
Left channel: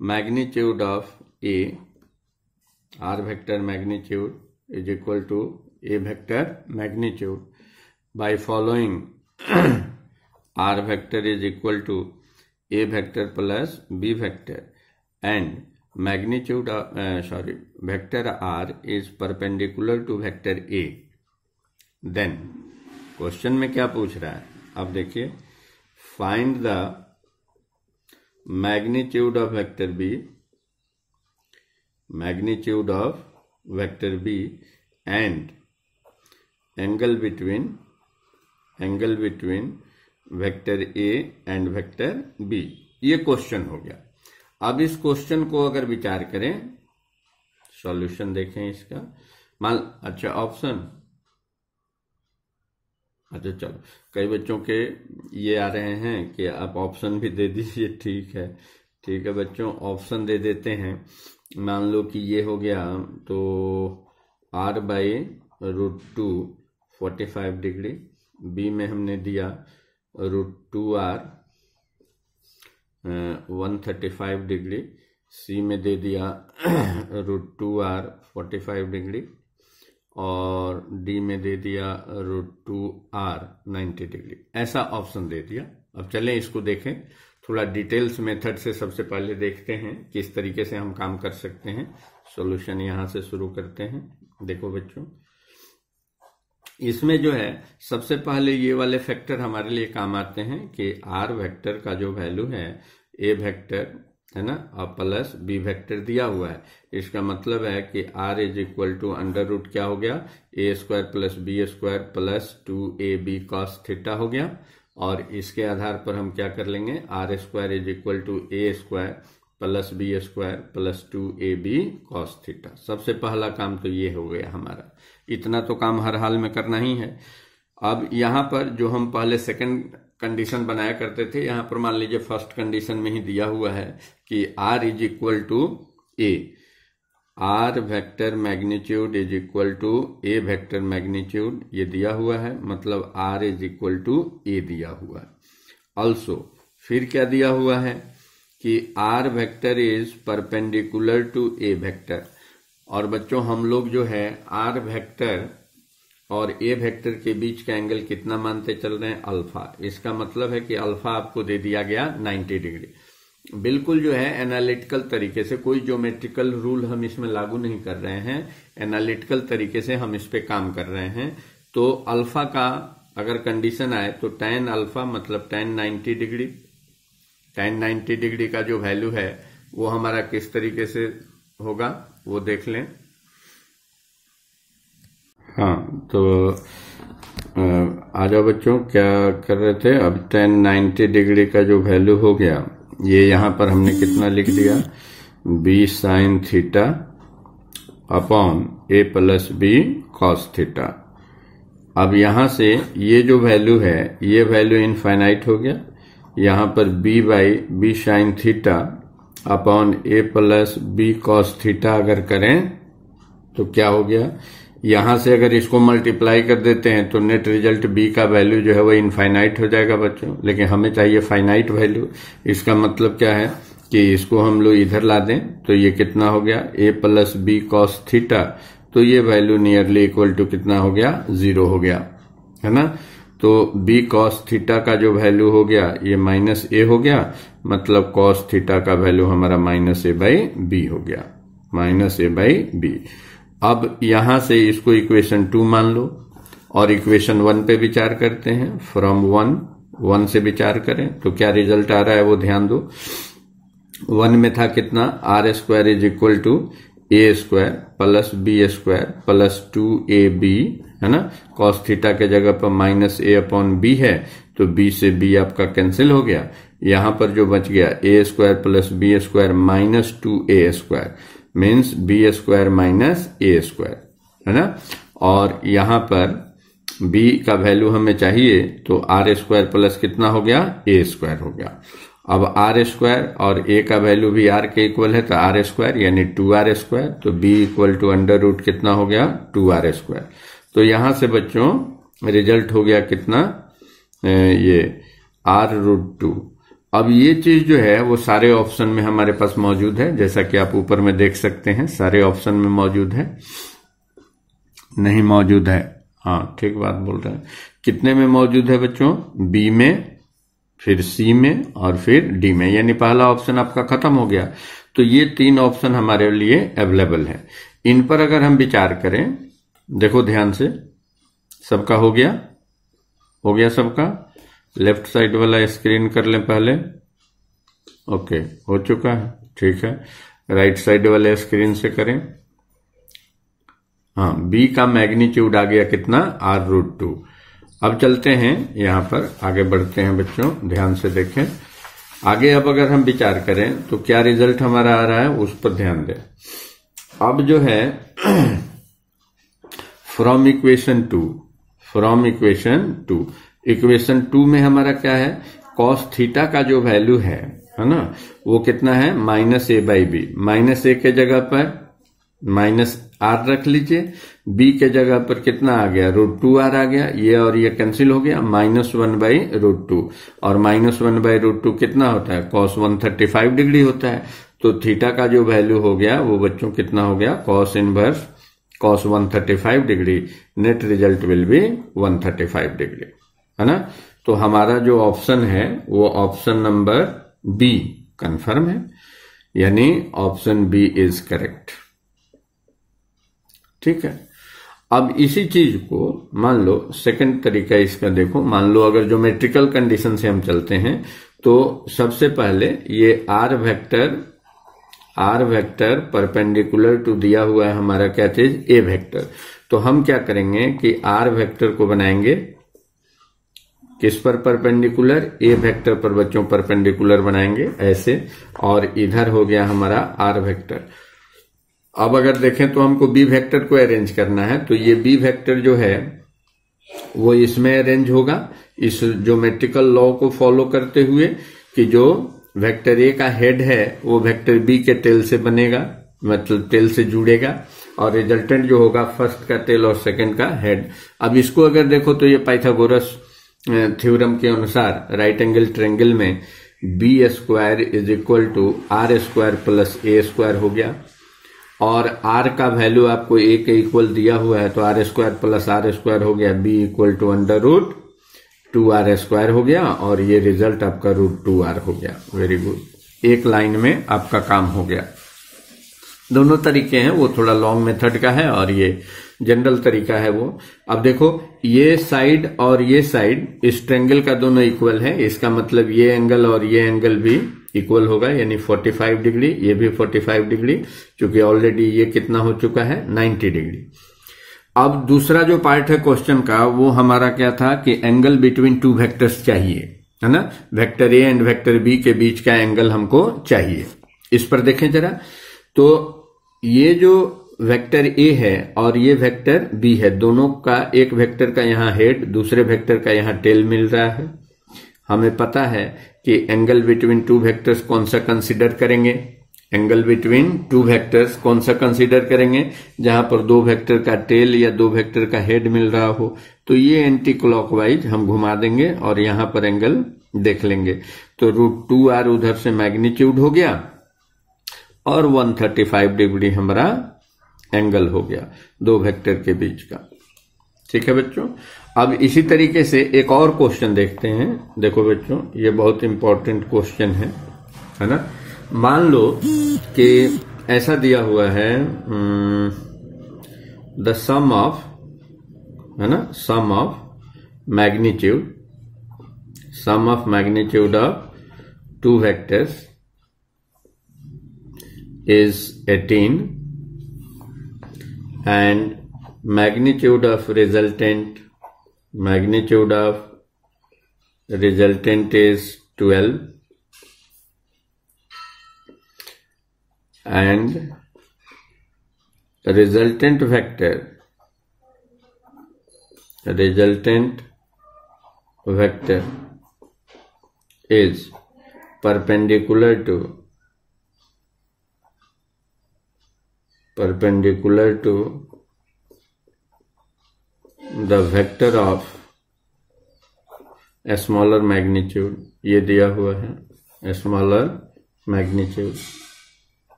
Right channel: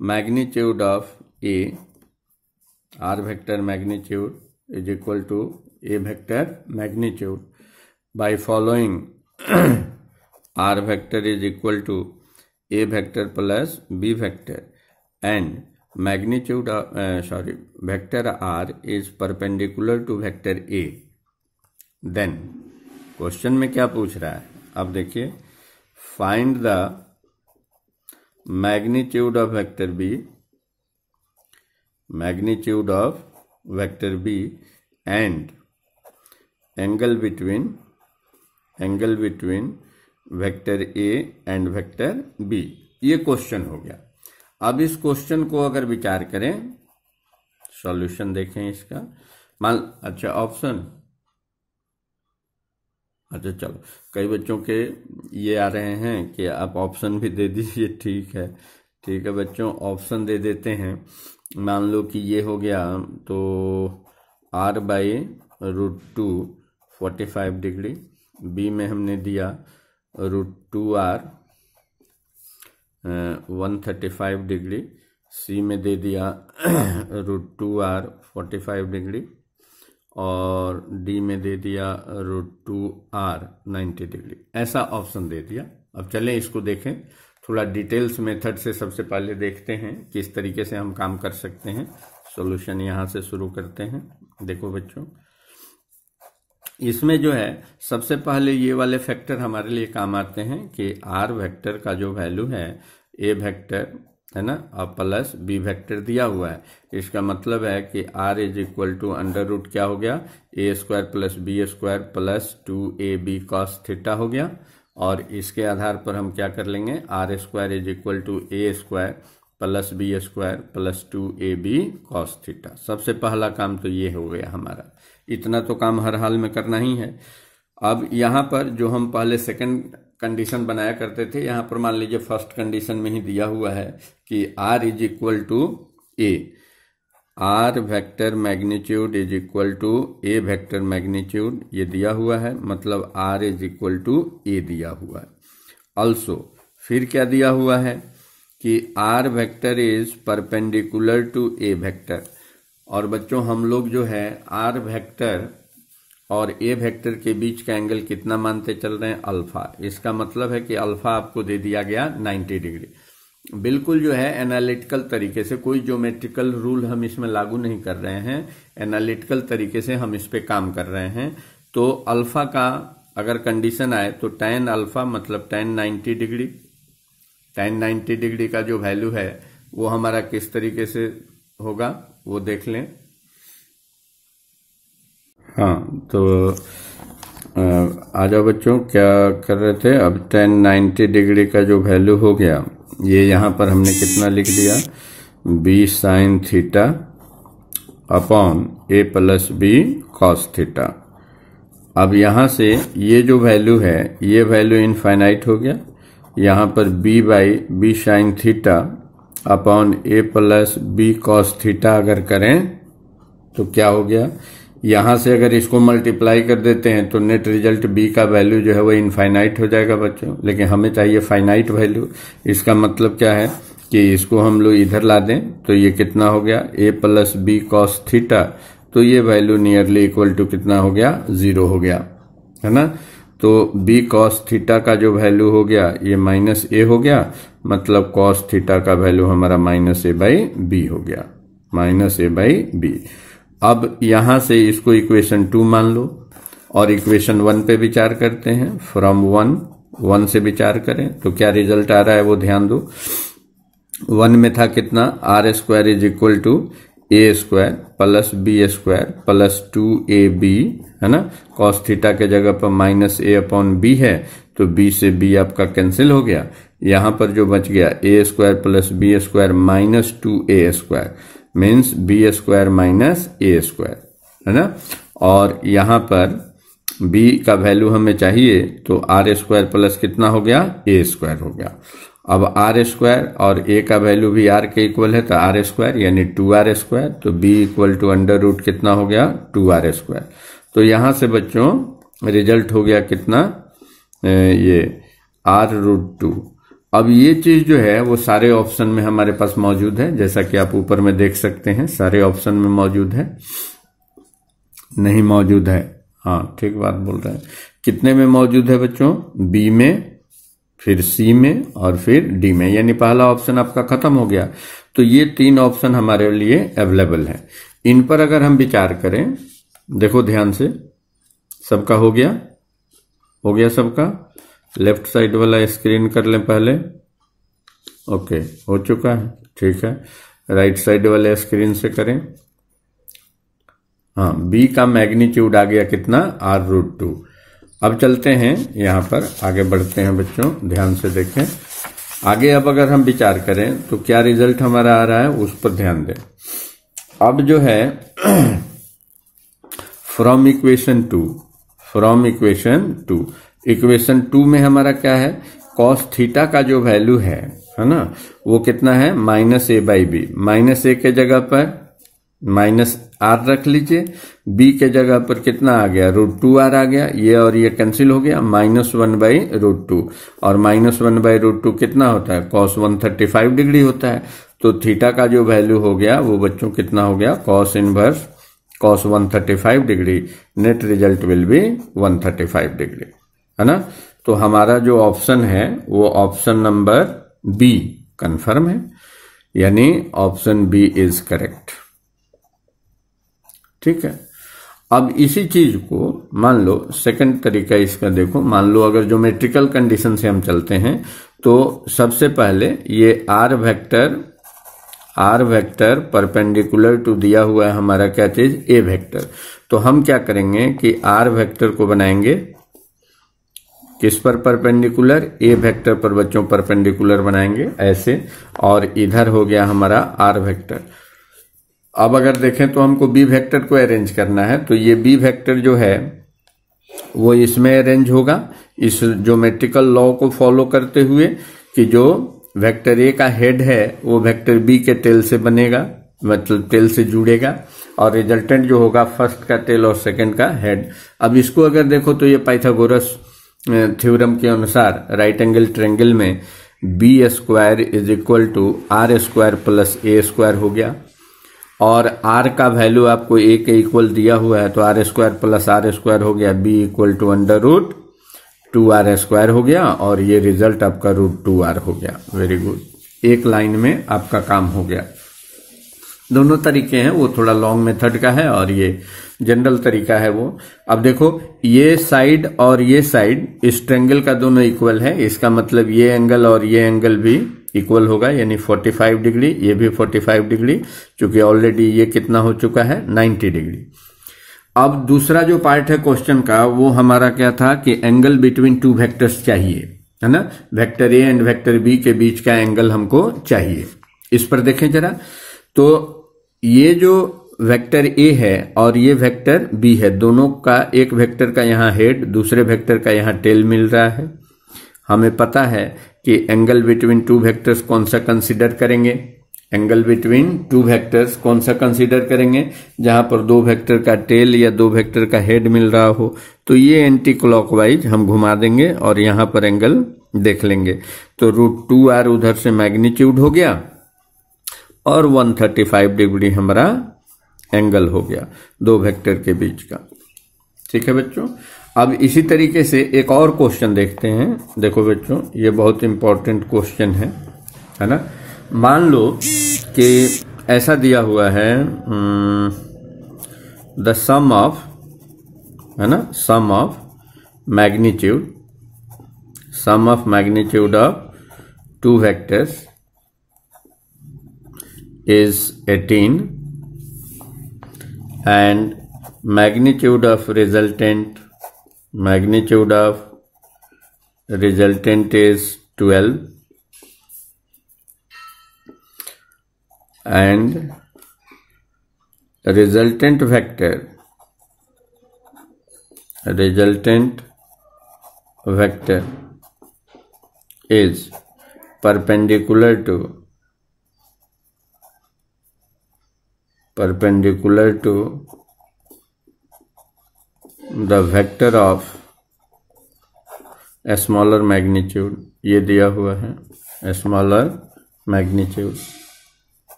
magnitude of a, r vector magnitude is equal to a vector magnitude by following r vector is equal to a vector plus b vector and magnitude of vector r is perpendicular to vector a, then question में क्या पूछ रहा है, अब देखिए, find the magnitude of vector b, magnitude of vector b and angle angle between vector A and vector B. ये question हो गया। अब इस क्वेश्चन को अगर विचार करें, सॉल्यूशन देखें इसका। अच्छा ऑप्शन, अच्छा चलो, कई बच्चों के ये आ रहे हैं कि आप ऑप्शन भी दे दीजिए। ठीक है, ठीक है बच्चों, ऑप्शन दे देते हैं। मान लो कि ये हो गया तो r/√2 45 डिग्री, बी में हमने दिया √2r 135 डिग्री, सी में दे दिया √2r 45 डिग्री और डी में दे दिया √2r 90 डिग्री। ऐसा ऑप्शन दे दिया। अब चलें इसको देखें थोड़ा डिटेल्स मेथड से। सबसे पहले देखते हैं किस तरीके से हम काम कर सकते हैं। सॉल्यूशन यहां से शुरू करते हैं। देखो बच्चों, इसमें जो है सबसे पहले ये वाले फैक्टर हमारे लिए काम आते हैं कि आर वेक्टर का जो वैल्यू है, ए वेक्टर है ना, और प्लस बी वेक्टर दिया हुआ है। इसका मतलब है कि r is equal to under root क्या हो गया, a square plus B square plus 2ab cos theta हो गया। और इसके आधार पर हम क्या कर लेंगे, r square is equal to A square plus B square plus 2ab cos theta. सबसे पहला काम तो ये हो गया हमारा। इतना तो काम हर हाल में करना ही है। अब यहाँ पर जो हम पहले सेकंड कंडीशन बनाया करते थे, यहाँ पर मान लीजिए फर्स्ट कंडीशन में ही दिया हुआ है कि r is equal to A, are vector magnitude is equal to A vector magnitude, ये दिया हुआ है। मतलब r is equal to A दिया हुआ है। ऑल्सो फिर क्या दिया हुआ है कि r vector is perpendicular to A vector. और बच्चों हम लोग जो है r वेक्टर और ए वेक्टर के बीच का एंगल कितना मानते चल रहे हैं, अल्फा। इसका मतलब है कि अल्फा आपको दे दिया गया 90 डिग्री। बिल्कुल जो है एनालिटिकल तरीके से, कोई ज्योमेट्रिकल रूल हम इसमें लागू नहीं कर रहे हैं, एनालिटिकल तरीके से हम इस पे काम कर रहे हैं। तो अल्फा का अगर कंडीशन आए तो tan अल्फा मतलब tan 90 डिग्री, tan 90 डिग्री का जो वैल्यू है वो हमारा किस तरीके से होगा वो देख लें। हाँ तो आ जाओ बच्चों, क्या कर रहे थे। अब tan 90 डिग्री का जो वैल्यू हो गया, ये यहां पर हमने कितना लिख दिया, b sin theta upon a plus B cos theta. अब यहां से ये जो वैल्यू है, ये वैल्यू इनफाइनाइट हो गया। यहां पर b sin theta upon a plus B cos theta अगर करें तो क्या हो गया, यहां से अगर इसको मल्टीप्लाई कर देते हैं तो नेट रिजल्ट b का वैल्यू जो है वो इनफाइनाइट हो जाएगा बच्चों। लेकिन हमें चाहिए फाइनाइट वैल्यू। इसका मतलब क्या है कि इसको हम लोग इधर ला दें तो ये कितना हो गया, a plus B cos theta, तो ये वैल्यू नियरली इक्वल टू कितना हो गया, 0 हो गया, है ना। तो b cos थीटा का जो वैल्यू हो गया ये माइनस a हो गया। मतलब cos थीटा का वैल्यू हमारा -a/b हो गया, -a/b। अब यहां से इसको इक्वेशन 2 मान लो और इक्वेशन 1 पे विचार करते हैं। फ्रॉम 1 से विचार करें तो क्या रिजल्ट आ रहा है वो ध्यान दो। 1 में था कितना, r square is equal to A square plus B square plus 2ab, है ना। cos थीटा के जगह पर -a/b है तो b से b आपका कैंसिल हो गया। यहां पर जो बच गया a square plus B square minus 2a square means B square minus A square, है ना। और यहां पर b का वैल्यू हमें चाहिए तो r स्क्वायर प्लस कितना हो गया, a स्क्वायर हो गया। अब r स्क्वायर और a का वैल्यू भी r के इक्वल है तो r स्क्वायर यानी 2r स्क्वायर, तो b equal to under root कितना हो गया, 2r स्क्वायर। तो यहां से बच्चों रिजल्ट हो गया कितना, ये r√2। अब ये चीज जो है वो सारे ऑप्शन में हमारे पास मौजूद है, जैसा कि आप ऊपर में देख सकते हैं। सारे ऑप्शन में मौजूद है, नहीं मौजूद है, हाँ ठीक बात बोल रहे हैं। कितने में मौजूद है बच्चों, बी में, फिर सी में और फिर डी में, यानी पहला ऑप्शन आपका खत्म हो गया। तो ये 3 ऑप्शन हमारे लिए अवेलेबल है। इन पर अगर हम विचार करें, देखो ध्यान से, सबका हो गया सबका। लेफ्ट साइड वाला स्क्रीन कर लें पहले, ओके हो चुका है, ठीक है। राइट साइड वाले स्क्रीन से करें। हाँ, बी का मैग्नीट्यूड आ गया कितना, r√2। अब चलते हैं यहाँ पर आगे बढ़ते हैं बच्चों, ध्यान से देखें आगे। अब अगर हम विचार करें तो क्या रिजल्ट हमारा आ रहा है उस पर ध्यान दें। अब जो है फ्रॉम इक्वेशन टू, इक्वेशन 2 में हमारा क्या है, कॉस थीटा का जो वैल्यू है ना, वो कितना है -a/b। -a के जगह पर -r रख लीजिए, b के जगह पर कितना आ गया, √2r आ गया, ये और ये कैंसिल हो गया, -1/√2, और -1/√2 कितना होता है, cos 135 डिग्री होता है। तो थीटा का जो वैल्यू हो गया वो बच्चों कितना हो गया, cos inverse cos 135 degree, net result will B 135 degree, है ना। तो हमारा जो ऑप्शन है वो ऑप्शन नंबर बी कंफर्म है, यानी ऑप्शन बी इज करेक्ट। ठीक है। अब इसी चीज को मान लो सेकंड तरीका इसका देखो, मान लो अगर ज्योमेट्रिकल कंडीशन से हम चलते हैं तो सबसे पहले ये आर वेक्टर परपेंडिकुलर टू दिया हुआ है हमारा क्या चीज, ए वेक्टर। तो हम क्या करेंगे कि आर वेक्टर को बनाएंगे किस पर परपेंडिकुलर, ए वेक्टर पर बच्चों परपेंडिकुलर बनाएंगे ऐसे, और इधर हो गया हमारा आर वेक्टर। अब अगर देखें तो हमको बी वेक्टर को अरेंज करना है, तो ये बी वेक्टर जो है वो इसमें अरेंज होगा इस ज्योमेट्रिकल लॉ को फॉलो करते हुए कि जो वेक्टर ए का हेड है वो वेक्टर बी के टेल से बनेगा, मतलब टेल से जुड़ेगा, और रिजल्टेंट जो होगा फर्स्ट का टेल और सेकंड का हेड। अब इसको अगर देखो तो ये पाइथागोरस थ्योरम के अनुसार राइट एंगल ट्रायंगल में b² is equal to r² plus a² हो गया, और r का वैल्यू आपको a के इक्वल दिया हुआ है तो r² प्लस r² हो गया, b इक्वल टू √2r² हो गया, और ये रिजल्ट आपका √2r हो गया। वेरी गुड, एक लाइन में आपका काम हो गया। दोनों तरीके हैं, वो थोड़ा लॉन्ग मेथड का है और ये जनरल तरीका है वो। अब देखो ये साइड और ये साइड इस ट्रायंगल का दोनों इक्वल है, इसका मतलब ये एंगल और ये एंगल भी इक्वल होगा, यानी 45 डिग्री, ये भी 45 डिग्री, क्योंकि ऑलरेडी ये कितना हो चुका है 90 डिग्री। अब दूसरा जो पार्ट है क्वेश्चन का वो हमारा क्या था कि एंगल बिटवीन टू वेक्टर्स चाहिए, है ना, vector A and vector B के बीच का एंगल हमको चाहिए। इस पर देखें जरा, तो ये जो वेक्टर ए है और ये वेक्टर बी है, दोनों का एक वेक्टर का यहाँ हेड, दूसरे वेक्टर का यहाँ टेल मिल रहा है। हमें पता है कि एंगल बिटवीन टू वेक्टर्स कौन सा कंसीडर करेंगे, एंगल बिटवीन टू वेक्टर्स कौन सा कंसीडर करेंगे, जहां पर दो वेक्टर का टेल या दो वेक्टर का हेड मिल रहा हो। तो ये एंटी क्लॉकवाइज हम घुमा देंगे और यहां पर एंगल देख लेंगे। तो √2r उधर से मैग्नीट्यूड हो गया और 135 डिग्री हमारा एंगल हो गया दो वेक्टर के बीच का। ठीक है बच्चों, अब इसी तरीके से एक और क्वेश्चन देखते हैं। देखो बच्चों, ये बहुत इंपॉर्टेंट क्वेश्चन है ना। मान लो कि ऐसा दिया हुआ है द सम ऑफ, है ना, sum of magnitude of two vectors is 18 and magnitude of resultant is 12 and resultant vector is perpendicular to the vector of a smaller magnitude, ये दिया हुआ है a smaller magnitude,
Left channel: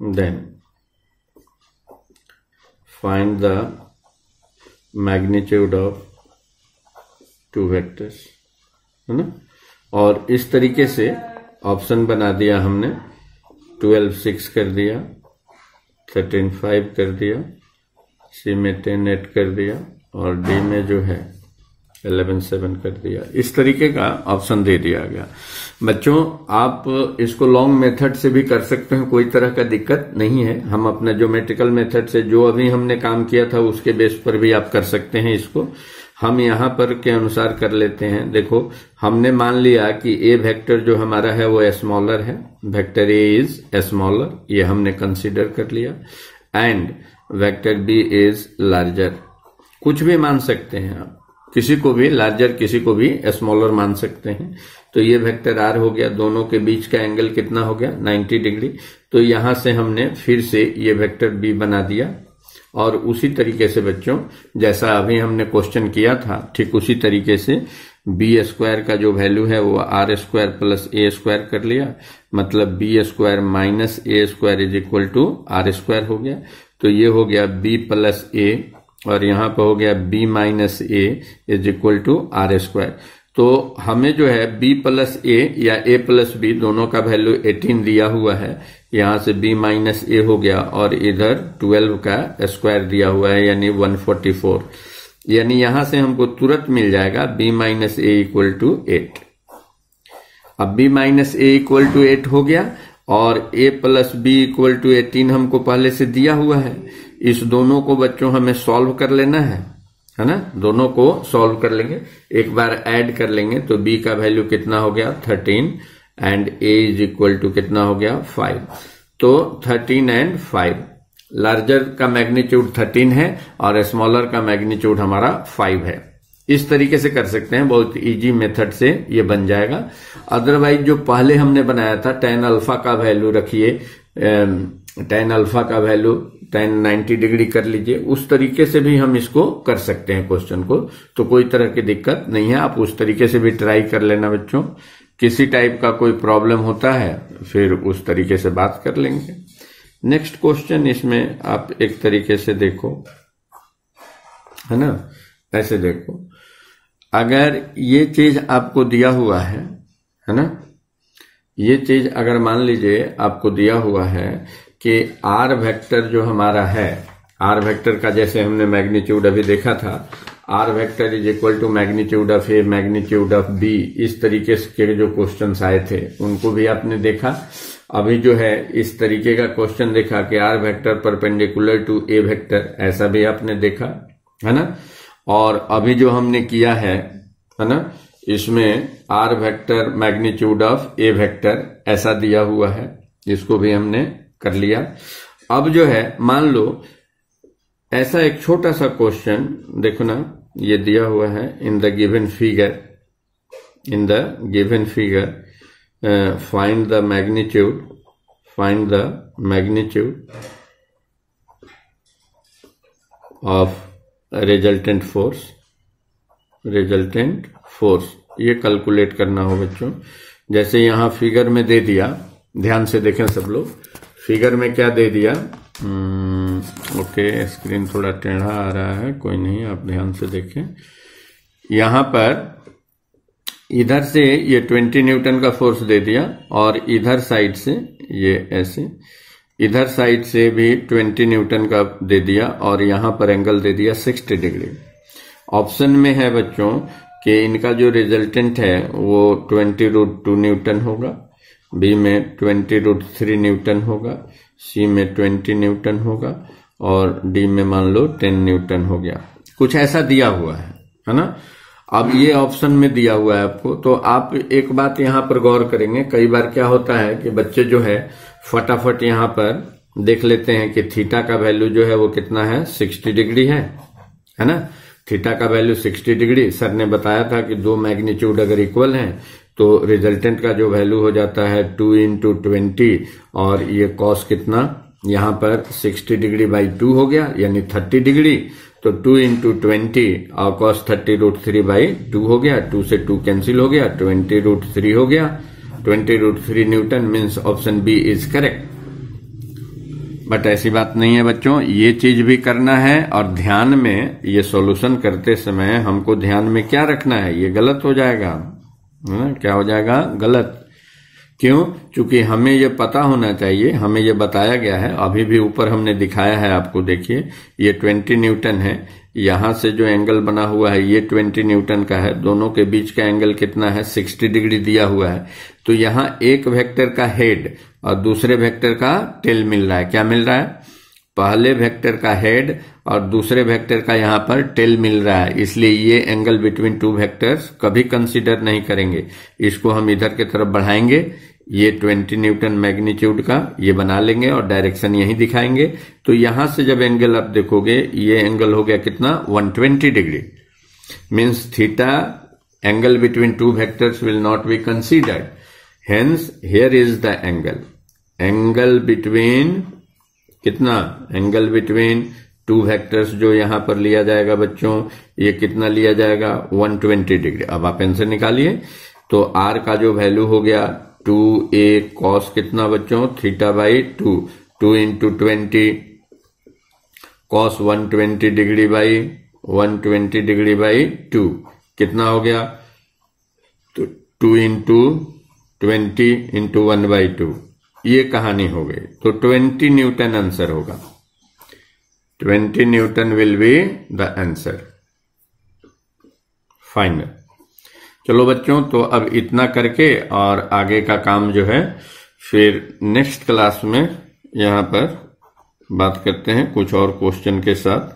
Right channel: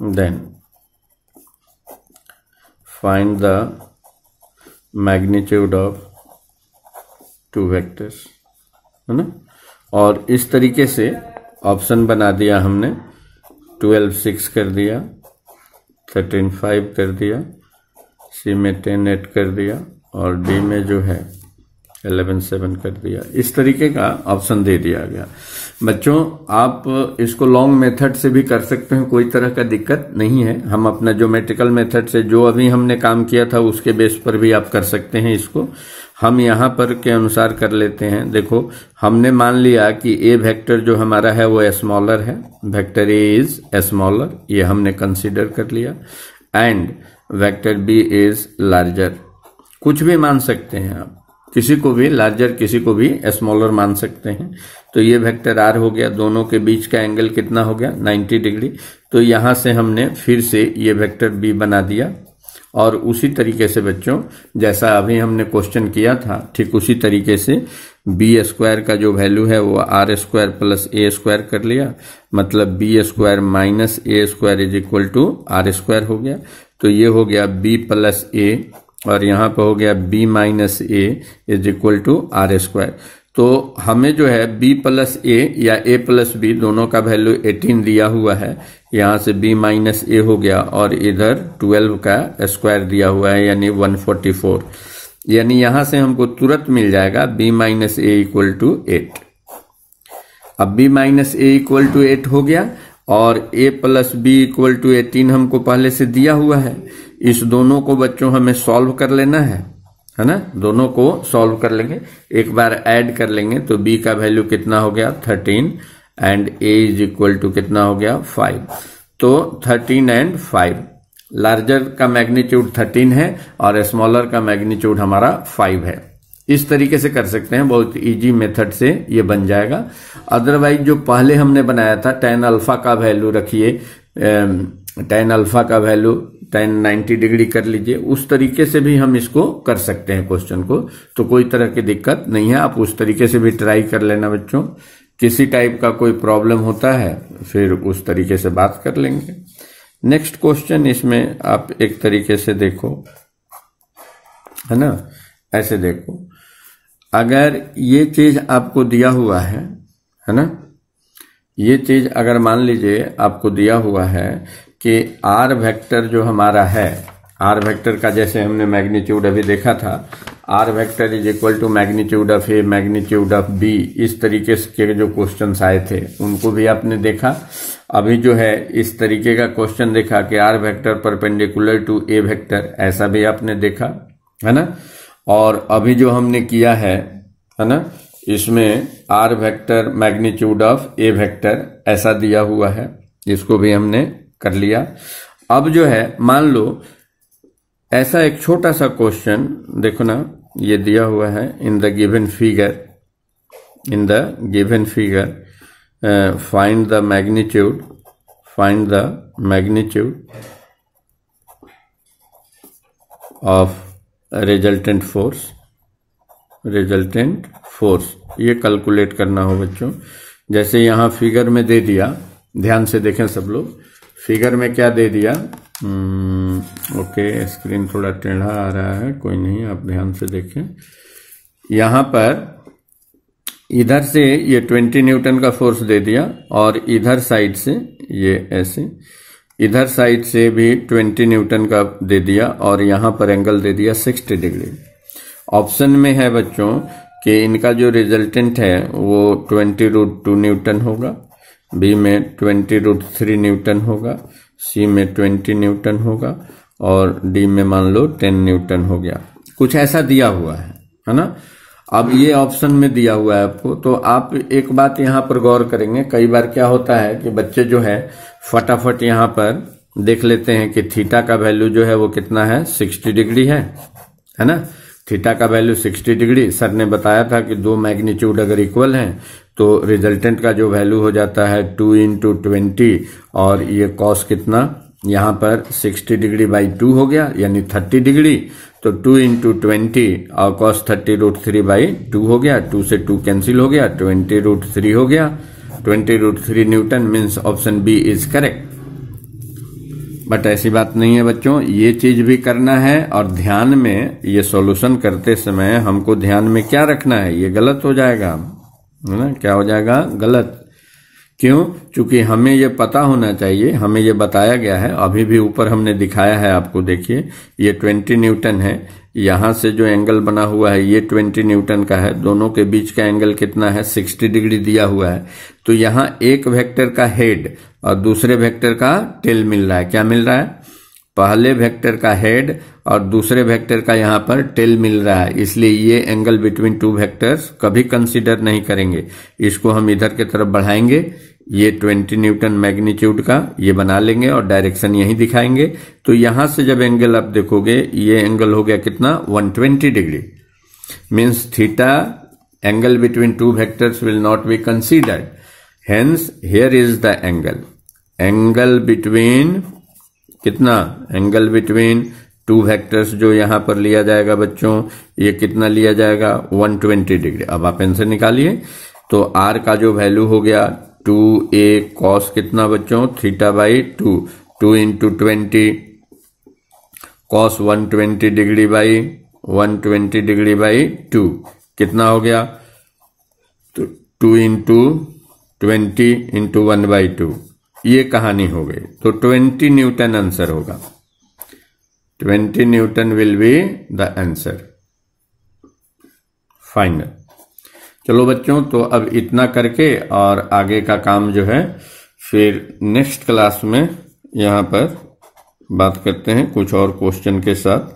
then find the magnitude of two vectors, है ना। और इस तरीके से ऑप्शन बना दिया हमने, 12 6 कर दिया, 13 5 कर दिया, सी में 10 8 कर दिया, और डी में जो है 11 7 कर दिया। इस तरीके का ऑप्शन दे दिया गया। बच्चों आप इसको लॉन्ग मेथड से भी कर सकते हैं, कोई तरह का दिक्कत नहीं है। हम अपना ज्योमेट्रिकल मेथड से जो अभी हमने काम किया था उसके बेस पर भी आप कर सकते हैं इसको। हम यहाँ पर के अनुसार कर लेते हैं। देखो हमने मान लिया कि ए वेक्टर जो हमारा है वो स्मॉलर है, वेक्टर ए इज स्मॉलर, ये हमने कंसीडर कर लिया, and vector B is larger. कुछ भी मान सकते हैं आप, किसी को भी लार्जर किसी को भी स्मॉलर मान सकते हैं। तो ये वेक्टर आर हो गया, दोनों के बीच का एंगल कितना हो गया 90 डिग्री। तो यहां से हमने फिर से ये वेक्टर बी बना दिया, और उसी तरीके से बच्चों जैसा अभी हमने क्वेश्चन किया था ठीक उसी तरीके से बी स्क्वायर का जो वैल्यू है वो आर स्क्वायर प्लस ए स्क्वायर कर लिया, मतलब B square minus A square is equal to R square हो गया। तो ये हो गया बी प्लस ए, और यहां पर हो गया B minus A is equal to R square. तो हमें जो है b प्लस ए या a प्लस बी दोनों का वैल्यू 18 दिया हुआ है, यहां से b माइनस ए हो गया, और इधर 12 का स्क्वायर दिया हुआ है यानी 144, यानी यहां से हमको तुरंत मिल जाएगा b minus A equal to 8। अब b minus A equal to 8 हो गया, और a plus B equal to 18 हमको पहले से दिया हुआ है। इस दोनों को बच्चों हमें सॉल्व कर लेना है ना, दोनों को सॉल्व कर लेंगे, एक बार ऐड कर लेंगे। तो b का वैल्यू कितना हो गया 13 and a is equal to कितना हो गया 5। तो 13 एंड 5, लार्जर का मैग्नीट्यूड 13 है और स्मॉलर का मैग्नीट्यूड हमारा 5 है। इस तरीके से कर सकते हैं, बहुत इजी मेथड से ये बन जाएगा। अदरवाइज जो पहले हमने बनाया था tan अल्फा का वैल्यू रखिए, tan अल्फा का वैल्यू tan 90 डिग्री कर लीजिए, उस तरीके से भी हम इसको कर सकते हैं क्वेश्चन को, तो कोई तरह की दिक्कत नहीं है। आप उस तरीके से भी ट्राई कर लेना बच्चों, किसी टाइप का कोई प्रॉब्लम होता है फिर उस तरीके से बात कर लेंगे। नेक्स्ट क्वेश्चन, इसमें आप एक तरीके से देखो, है ना, ऐसे देखो, अगर ये चीज आपको दिया हुआ है ना, ये चीज अगर मान लीजिए आपको दिया हुआ है कि आर वेक्टर जो हमारा है, आर वेक्टर का जैसे हमने मैग्नीट्यूड अभी देखा था, R vector is equal to magnitude of A magnitude of B, इस तरीके के जो क्वेश्चंस आए थे उनको भी आपने देखा। अभी जो है इस तरीके का क्वेश्चन देखा कि R vector perpendicular to A vector, ऐसा भी आपने देखा, है ना। और अभी जो हमने किया है ना, इसमें R vector magnitude of A vector ऐसा दिया हुआ है, इसको भी हमने कर लिया। अब जो है मान लो ऐसा एक छोटा सा क्वेश्चन देखो ना, ये दिया हुआ है in the given figure, find the magnitude of resultant force, ये कैलकुलेट करना हो बच्चों। जैसे यहां फिगर में दे दिया, ध्यान से देखें सब लोग, फिगर में क्या दे दिया, ओके स्क्रीन थोड़ा टेढ़ा आ रहा है, कोई नहीं, आप ध्यान से देखें। यहां पर इधर से ये 20 न्यूटन का फोर्स दे दिया, और इधर साइड से ये ऐसे, इधर साइड से भी 20 न्यूटन का दे दिया, और यहां पर एंगल दे दिया 60 डिग्री। ऑप्शन में है बच्चों कि इनका जो रिजल्टेंट है वो 20√2 न्यूटन होगा, बी में 20√3 न्यूटन होगा, सी में 20 न्यूटन होगा, और डी में मान लो 10 न्यूटन हो गया, कुछ ऐसा दिया हुआ है ना। अब ये ऑप्शन में दिया हुआ है आपको, तो आप एक बात यहाँ पर गौर करेंगे, कई बार क्या होता है कि बच्चे जो है फटाफट यहाँ पर देख लेते हैं कि थीटा का वैल्यू जो है वो कितना है 60 डिग्री है ना। थीटा का वैल्यू 60 डिग्री, सर ने बताया था कि दो मैग्नीट्यूड अगर इक्वल हैं तो रिजल्टेंट का जो वैल्यू हो जाता है 2 × 20, और ये कॉस कितना यहाँ पर 60 डिग्री बाई 2 हो गया यानी 30 डिग्री, तो 2 × 20 और कॉस 30√3 बाई 2 हो गया, 2 से 2 कैंसिल हो गया, 20√3 हो गया, 20√3 newton, means option B is correct. But ऐसी बात नहीं है बच्चों, ये चीज भी करना है, और ध्यान में ये सॉल्यूशन करते समय हमको ध्यान में क्या रखना है, ये गलत हो जाएगा, है ना, क्या हो जाएगा गलत। क्यों? क्योंकि हमें ये पता होना चाहिए, हमें ये बताया गया है, अभी भी ऊपर हमने दिखाया है आपको, देखिए ये 20 न्यूटन है, यहां से जो एंगल बना हुआ है ये 20 न्यूटन का है, दोनों के बीच का एंगल कितना है 60 डिग्री दिया हुआ है। तो यहाँ एक वेक्टर का हेड और दूसरे वेक्टर का टेल मिल रहा है, क्या मिल रहा है, पहले वेक्टर का हेड और दूसरे वेक्टर का यहाँ पर टेल मिल रहा है, इसलिए ये एंगल बिटवीन टू वेक्टर्स कभी कंसीडर नहीं करेंगे। इसको हम इधर की तरफ बढ़ाएंगे, ये 20 न्यूटन मैग्नीट्यूड का ये बना लेंगे और डायरेक्शन यही दिखाएंगे। तो यहां से जब एंगल आप देखोगे, ये एंगल हो गया कितना 120 degree, means theta angle between two vectors will not be considered, hence here is the angle between कितना, एंगल बिटवीन टू वेक्टर्स जो यहां पर लिया जाएगा बच्चों, ये कितना लिया जाएगा 120 डिग्री। अब आप आंसर निकालिए, तो आर का जो वैल्यू हो गया 2a cos कितना बच्चों theta by 2 into 20 cos 120 degree by 120 degree by 2 कितना हो गया, तो 2 इंटू 20 इंटू 1/2, ये कहानी हो गई। तो 20 न्यूटन आंसर होगा, 20 Newton will be the answer final. चलो बच्चों, तो अब इतना करके और आगे का काम जो है फिर नेक्स्ट क्लास में यहाँ पर बात करते हैं कुछ और क्वेश्चन के साथ,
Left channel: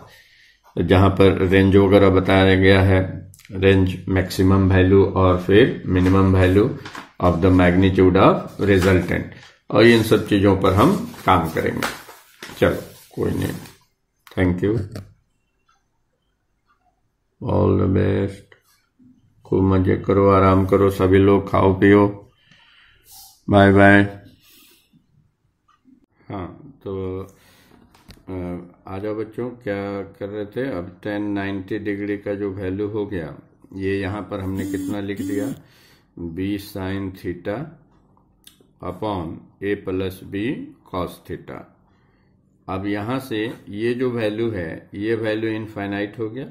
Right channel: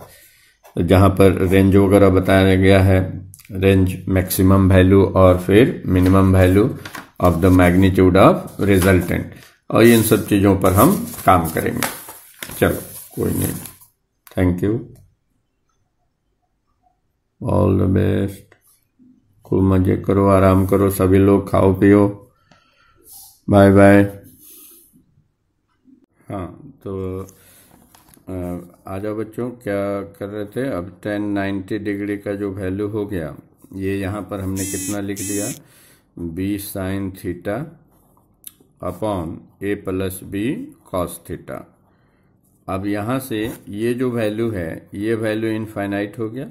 जहां पर रेंज वगैरह बताया गया है, रेंज मैक्सिमम वैल्यू और फिर minimum value of the magnitude of resultant, और इन सब चीजों पर हम काम करेंगे। चलो कोई नहीं, thank you, all the best, खूब मजे करो, आराम करो सभी लोग, खाओ पियो, बाय बाय। हाँ तो आ जाओ बच्चों, क्या कर रहे थे, अब 1090 डिग्री का जो वैल्यू हो गया, ये यहाँ पर हमने कितना लिख दिया, b sin theta upon a plus b cos theta. अब यहाँ से ये जो वैल्यू है, ये वैल्यू इनफाइनाइट हो गया,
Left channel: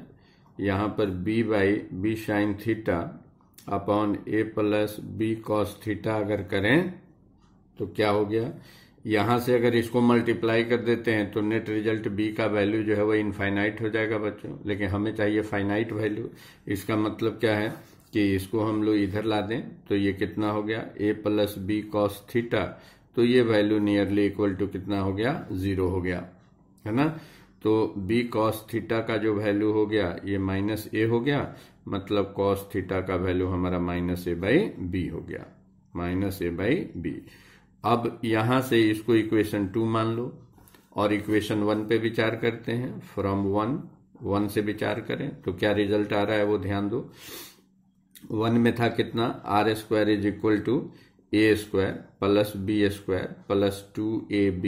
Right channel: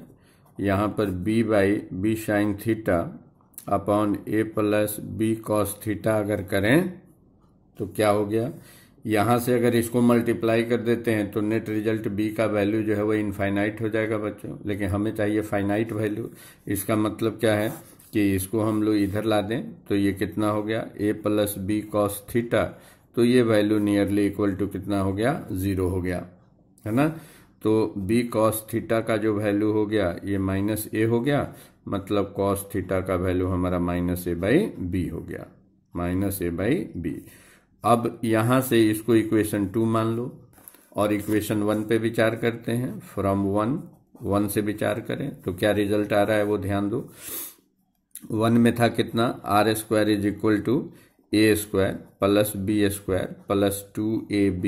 यहाँ पर b by B sine theta upon a plus b cos theta अगर करें तो क्या हो गया, यहाँ से अगर इसको मल्टीप्लाई कर देते हैं तो नेट रिजल्ट b का वैल्यू जो है वो इनफाइनाइट हो जाएगा बच्चों, लेकिन हमें चाहिए फाइनाइट वैल्यू। इसका मतलब क्या है कि इसको हम लोग इधर ला दें तो ये कितना हो गया a plus B cos theta, तो ये वैल्यू नियरली इक्वल टू कितना हो गया 0 हो गया, है ना। तो b कॉस थीटा का जो वैल्यू हो गया ये माइनस a हो गया, मतलब कॉस थीटा का वैल्यू हमारा माइनस a बाई बी हो गया, माइनस a बाई बी। अब यहां से इसको इक्वेशन 2 मान लो और इक्वेशन 1 पे विचार करते हैं, फ्रॉम 1 से विचार करें तो क्या रिजल्ट आ रहा है वो ध्यान दो। 1 में था कितना, R square is equal to A square plus B square plus 2ab,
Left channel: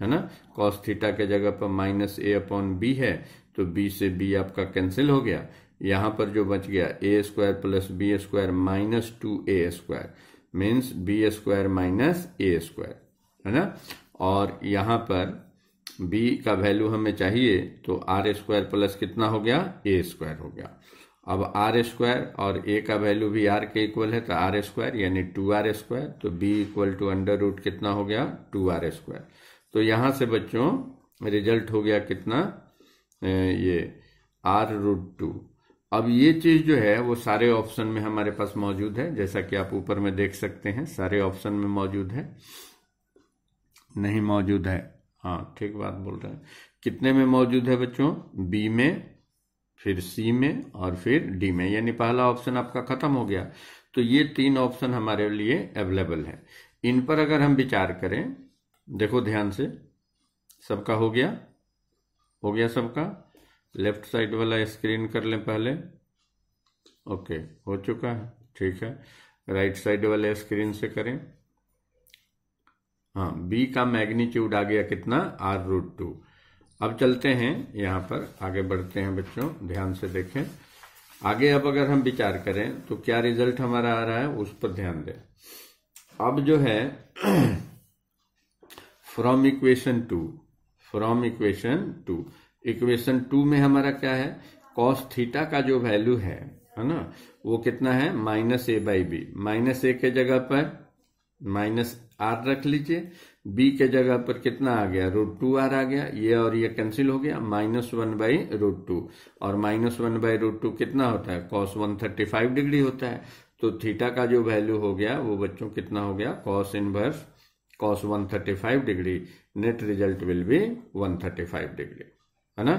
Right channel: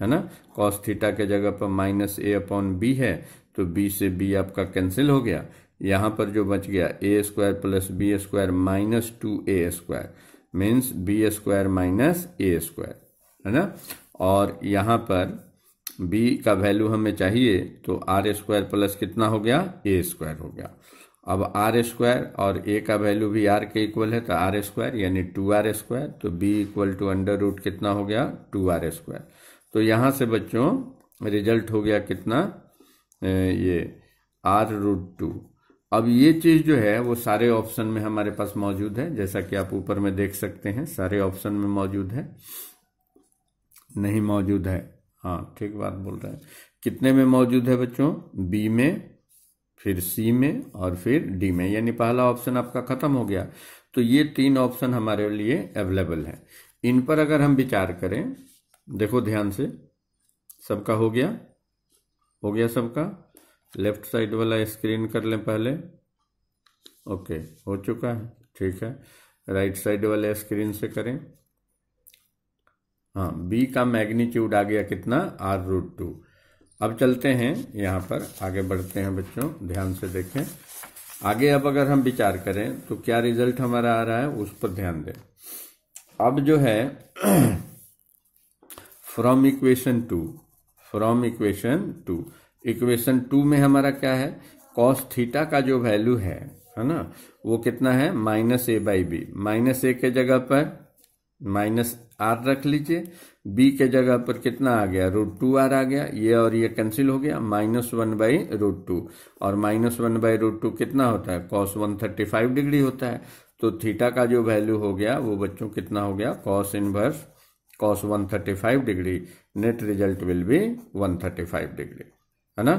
है ना, कॉस थीटा के जगह पर माइनस a अपॉन बी है, तो b से b आपका कैंसिल हो गया, यहां पर जो बच गया a square plus B square minus 2a square, means B square minus A square, है ना। और यहां पर b का वैल्यू हमें चाहिए, तो आर स्क्वायर प्लस कितना हो गया ए स्क्वायर हो गया। अब आर स्क्वायर और a का वैल्यू भी r के इक्वल है, तो आर स्क्वायर यानी 2r स्क्वायर, तो b equal to under root कितना हो गया 2r स्क्वायर। तो यहां से बच्चों रिजल्ट हो गया कितना, ये r√2। अब ये चीज जो है वो सारे ऑप्शन में हमारे पास मौजूद है, जैसा कि आप ऊपर में देख सकते हैं, सारे ऑप्शन में मौजूद है, नहीं मौजूद है, हाँ ठीक बात बोल रहे हैं। कितने में मौजूद है बच्चों, बी में, फिर सी में और फिर डी में, यानी पहला ऑप्शन आपका खत्म हो गया। तो ये 3 ऑप्शन हमारे लिए अवेलेबल है। इन पर अगर हम विचार करें, देखो ध्यान से, सबका हो गया सबका, लेफ्ट साइड वाला स्क्रीन कर लें पहले, ओके हो चुका है, ठीक है। राइट साइड वाले स्क्रीन से करें, हाँ बी का मैग्नीट्यूड आ गया कितना r√2। अब चलते हैं यहाँ पर आगे बढ़ते हैं बच्चों, ध्यान से देखें आगे। अब अगर हम विचार करें तो क्या रिजल्ट हमारा आ रहा है उस पर ध्यान दें। अब जो है फ्रॉम इक्वेशन 2 में हमारा क्या है, कॉस थीटा का जो वैल्यू है ना, वो कितना है -a/b, -a के जगह पर -r रख लीजिए, b के जगह पर कितना आ गया √2r आ गया, ये और ये कैंसिल हो गया, -1/√2, और -1/√2 कितना होता है cos 135 डिग्री होता है। तो थीटा का जो वैल्यू हो गया वो बच्चों कितना हो गया, cos inverse cos 135 degree, net result will B 135 degree, है ना।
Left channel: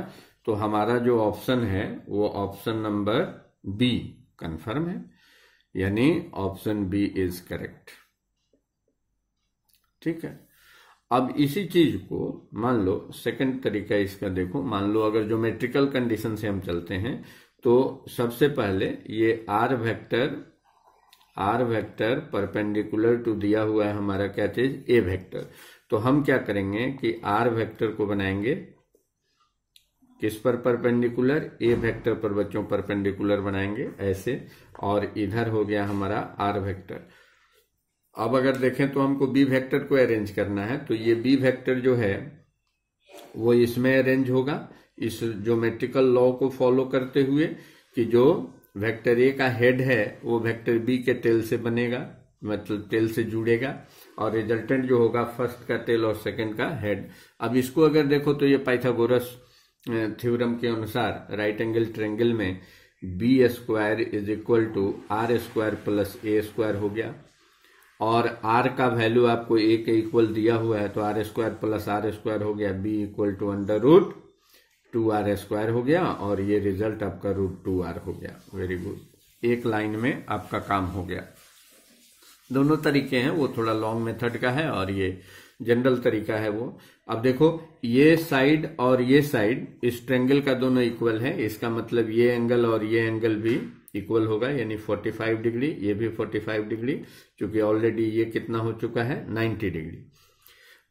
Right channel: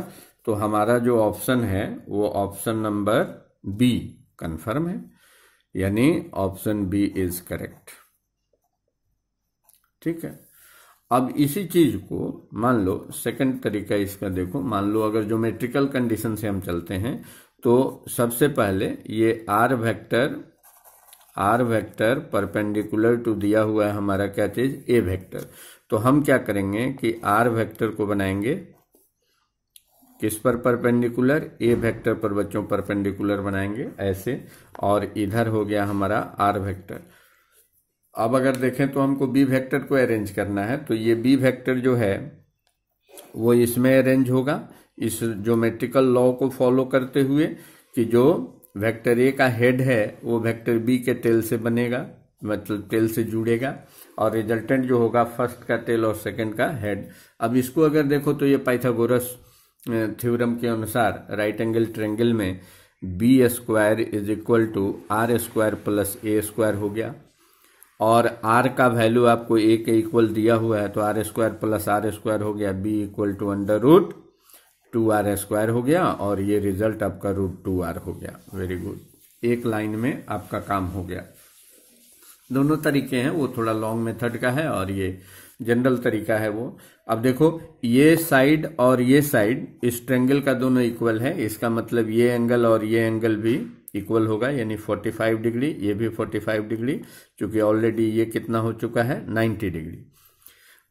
तो हमारा जो ऑप्शन है वो ऑप्शन नंबर बी कंफर्म है, यानी ऑप्शन बी इज करेक्ट। ठीक है। अब इसी चीज को मान लो सेकंड तरीका इसका देखो, मान लो अगर ज्योमेट्रिकल कंडीशन से हम चलते हैं तो सबसे पहले ये आर वेक्टर परपेंडिकुलर टू दिया हुआ है हमारा क्या चीज, ए वेक्टर। तो हम क्या करेंगे कि आर वेक्टर को बनाएंगे किस पर परपेंडिकुलर, ए वेक्टर पर बच्चों परपेंडिकुलर बनाएंगे ऐसे, और इधर हो गया हमारा आर वेक्टर। अब अगर देखें तो हमको बी वेक्टर को अरेंज करना है, तो ये बी वेक्टर जो है वो इसमें अरेंज होगा इस ज्योमेट्रिकल लॉ को फॉलो करते हुए कि जो वेक्टर ए का हेड है वो वेक्टर बी के टेल से बनेगा, मतलब टेल से जुड़ेगा, और रिजल्टेंट जो होगा फर्स्ट का टेल और सेकंड का हेड। अब इसको अगर देखो तो ये पाइथागोरस थ्योरम के अनुसार राइट एंगल ट्रायंगल में B square is equal to R square plus A square हो गया, और आर का वैल्यू आपको ए के इक्वल दिया हुआ है तो are square plus R square हो गया, B equal to under root 2r square हो गया, और ये रिजल्ट आपका रूट 2r हो गया। वेरी गुड, एक लाइन में आपका काम हो गया। दोनों तरीके हैं, वो थोड़ा लॉन्ग मेथड का है और ये जनरल तरीका है वो। अब देखो ये साइड और ये साइड इस ट्रायंगल का दोनों इक्वल है, इसका मतलब ये एंगल और ये एंगल भी इक्वल होगा, यानी 45 डिग्री, ये भी 45 डिग्री, क्योंकि ऑलरेडी ये कितना हो चुका है 90 डिग्री।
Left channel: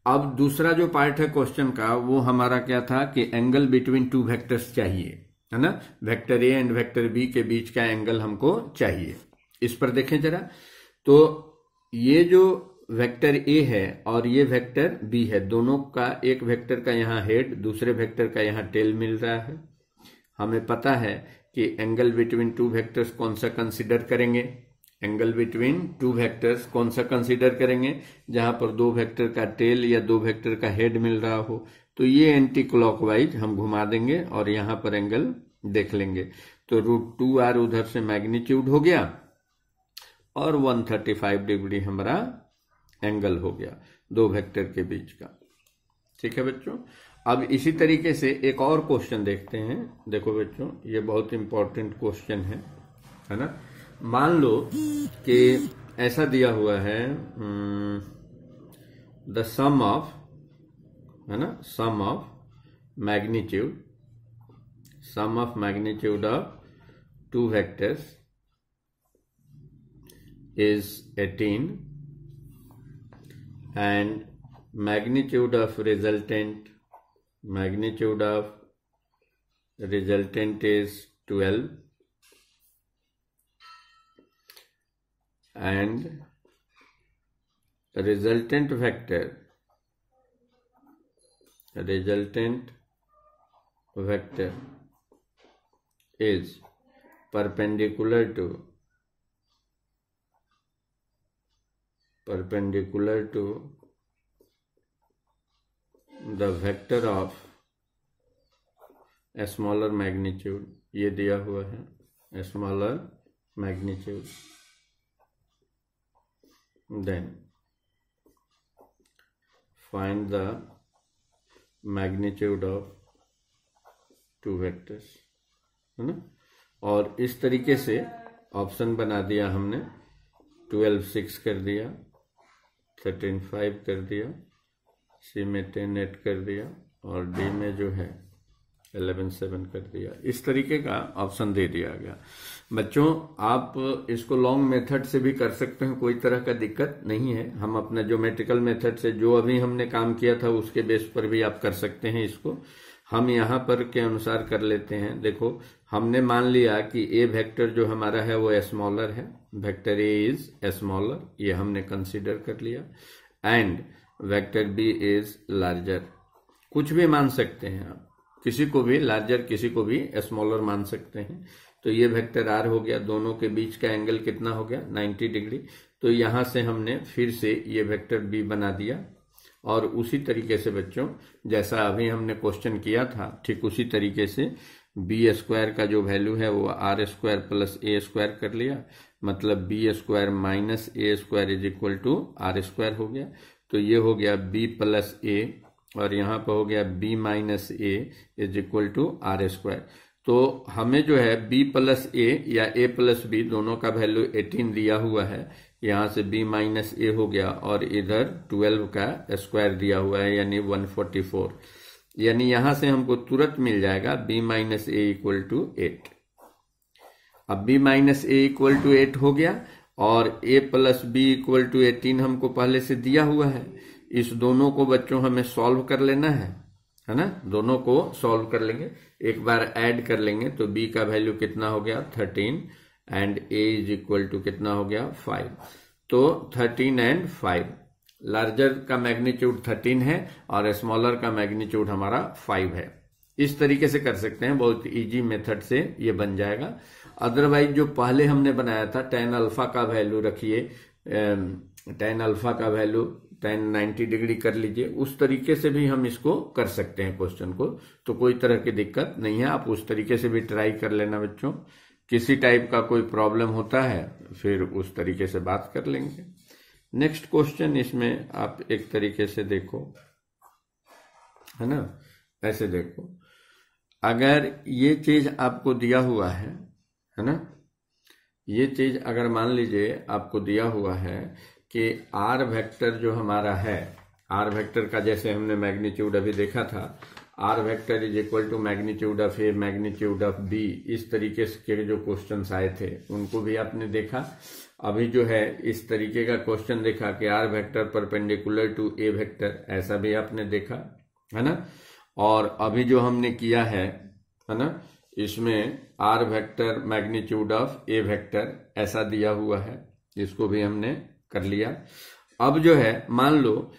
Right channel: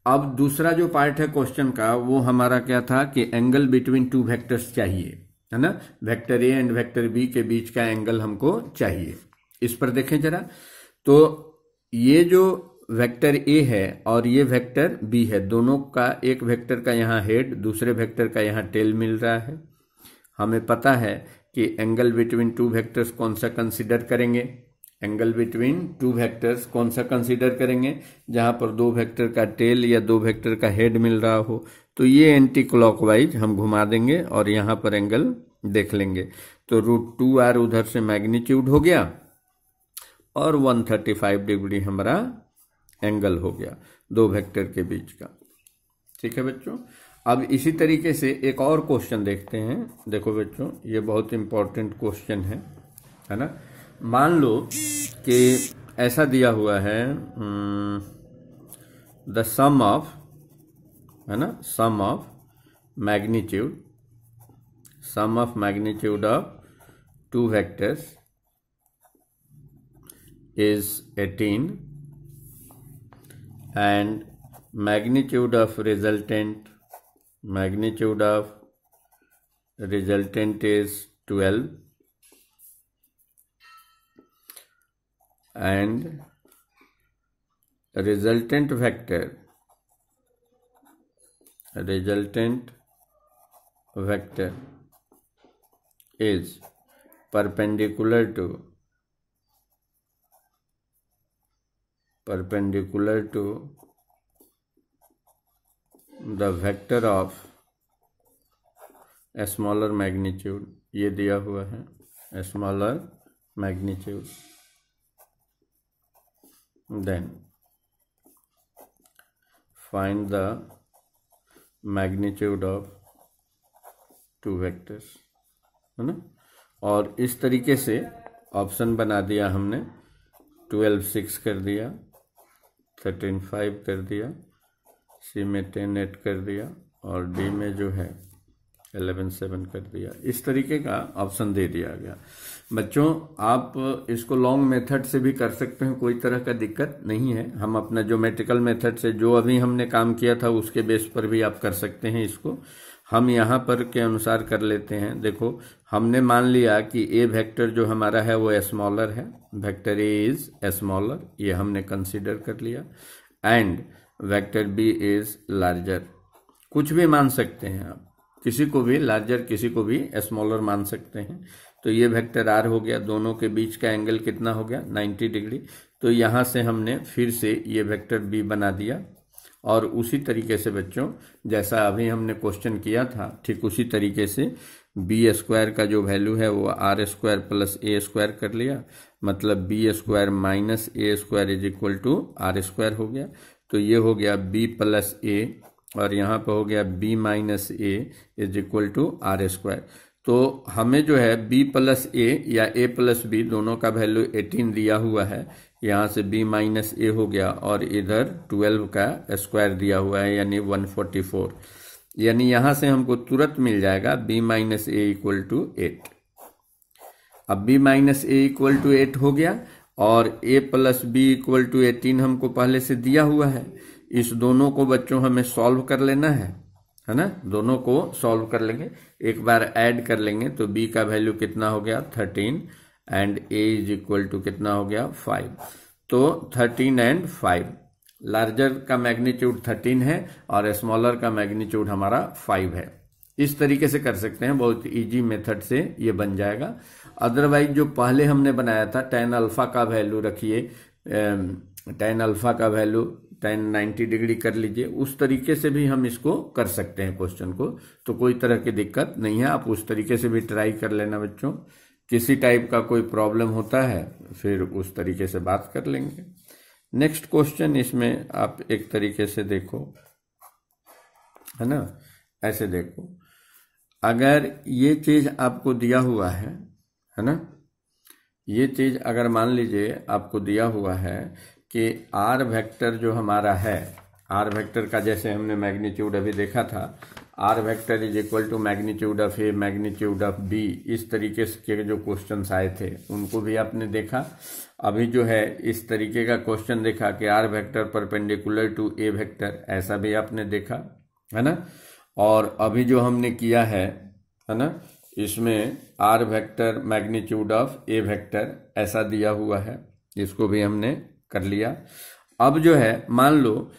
अब दूसरा जो पार्ट है क्वेश्चन का वो हमारा क्या था कि एंगल बिटवीन टू वेक्टर्स चाहिए, है ना, vector A and vector B के बीच का एंगल हमको चाहिए। इस पर देखें जरा, तो ये जो वेक्टर ए है और ये वेक्टर बी है, दोनों का एक वेक्टर का यहाँ हेड, दूसरे वेक्टर का यहाँ टेल मिल रहा है। हमें पता है कि एंगल बिटवीन टू वेक्टर्स कौन सा कंसीडर करेंगे, एंगल बिटवीन टू वेक्टर्स कौन सा कंसीडर करेंगे, जहां पर दो वेक्टर का टेल या दो वेक्टर का हेड मिल रहा हो। तो ये एंटी क्लॉकवाइज हम घुमा देंगे और यहां पर एंगल देख लेंगे, तो रूट 2r उधर से मैग्नीट्यूड हो गया और 135 डिग्री हमारा एंगल हो गया दो वेक्टर के बीच का। ठीक है बच्चों, अब इसी तरीके से एक और क्वेश्चन देखते हैं। देखो बच्चों, ये बहुत इंपॉर्टेंट क्वेश्चन है ना। मान लो कि ऐसा दिया हुआ है द सम ऑफ, है ना, sum of magnitude of two vectors is 18 and magnitude of resultant is 12 and resultant vector is perpendicular to the vector of a smaller magnitude, ये दिया हुआ है a smaller magnitude, then find the magnitude of two vectors, है ना। और इस तरीके से ऑप्शन बना दिया हमने, 12 6 कर दिया, 13 5 कर दिया, सी में 10 8 कर दिया, और डी में जो है 11 7 कर दिया। इस तरीके का ऑप्शन दे दिया गया। बच्चों आप इसको लॉन्ग मेथड से भी कर सकते हैं, कोई तरह का दिक्कत नहीं है। हम अपना ज्योमेट्रिकल मेथड से जो अभी हमने काम किया था उसके बेस पर भी आप कर सकते हैं इसको। हम यहाँ पर के अनुसार कर लेते हैं। देखो हमने मान लिया कि ए वेक्टर जो हमारा है वो स्मॉलर है, वेक्टर ए इज स्मॉलर, ये हमने कंसीडर कर लिया, and vector B is larger. कुछ भी मान सकते हैं आप, किसी को भी लार्जर किसी को भी स्मॉलर मान सकते हैं। तो ये वेक्टर आर हो गया, दोनों के बीच का एंगल कितना हो गया 90 डिग्री। तो यहां से हमने फिर से ये वेक्टर बी बना दिया, और उसी तरीके से बच्चों जैसा अभी हमने क्वेश्चन किया था ठीक उसी तरीके से बी स्क्वायर का जो वैल्यू है वो आर स्क्वायर प्लस ए स्क्वायर कर लिया, मतलब B square minus A square is equal to R square हो गया। तो ये हो गया b प्लस ए और यहाँ पर हो गया b minus A is equal to R square. तो हमें जो है b प्लस ए या a प्लस बी दोनों का वैल्यू 18 दिया हुआ है, यहाँ से b माइनस ए हो गया और इधर 12 का स्क्वायर दिया हुआ है यानी 144, यानी यहाँ से हमको तुरंत मिल जाएगा b minus A equal to 8। अब b minus A equal to 8 हो गया और a plus B equal to 18 हमको पहले से दिया हुआ है। इस दोनों को बच्चों हमें सॉल्व कर लेना है ना, दोनों को सॉल्व कर लेंगे, एक बार ऐड कर लेंगे तो b का वैल्यू कितना हो गया 13 and a is equal to कितना हो गया 5। तो 13 एंड 5, लार्जर का मैग्नीट्यूड 13 है और स्मॉलर का मैग्नीट्यूड हमारा 5 है। इस तरीके से कर सकते हैं, बहुत इजी मेथड से ये बन जाएगा। अदरवाइज जो पहले हमने बनाया था tan अल्फा का वैल्यू रखिए, tan अल्फा का वैल्यू tan 90 डिग्री कर लीजिए, उस तरीके से भी हम इसको कर सकते हैं क्वेश्चन को, तो कोई तरह की दिक्कत नहीं है। आप उस तरीके से भी ट्राई कर लेना बच्चों, किसी टाइप का कोई प्रॉब्लम होता है फिर उस तरीके से बात कर लेंगे। नेक्स्ट क्वेश्चन, इसमें आप एक तरीके से देखो, है ना, ऐसे देखो, अगर ये चीज आपको दिया हुआ है ना, ये चीज अगर मान लीजिए आपको दिया हुआ है कि आर वेक्टर जो हमारा है, आर वेक्टर का जैसे हमने मैग्नीट्यूड अभी देखा था, R vector is equal to magnitude of A magnitude of B, इस तरीके के जो क्वेश्चंस आए थे उनको भी आपने देखा। अभी जो है इस तरीके का क्वेश्चन देखा कि R vector perpendicular to A vector, ऐसा भी आपने देखा, है ना। और अभी जो हमने किया है ना, इसमें R vector magnitude of A vector ऐसा दिया हुआ है, इसको भी हमने कर लिया। अब जो है मान लो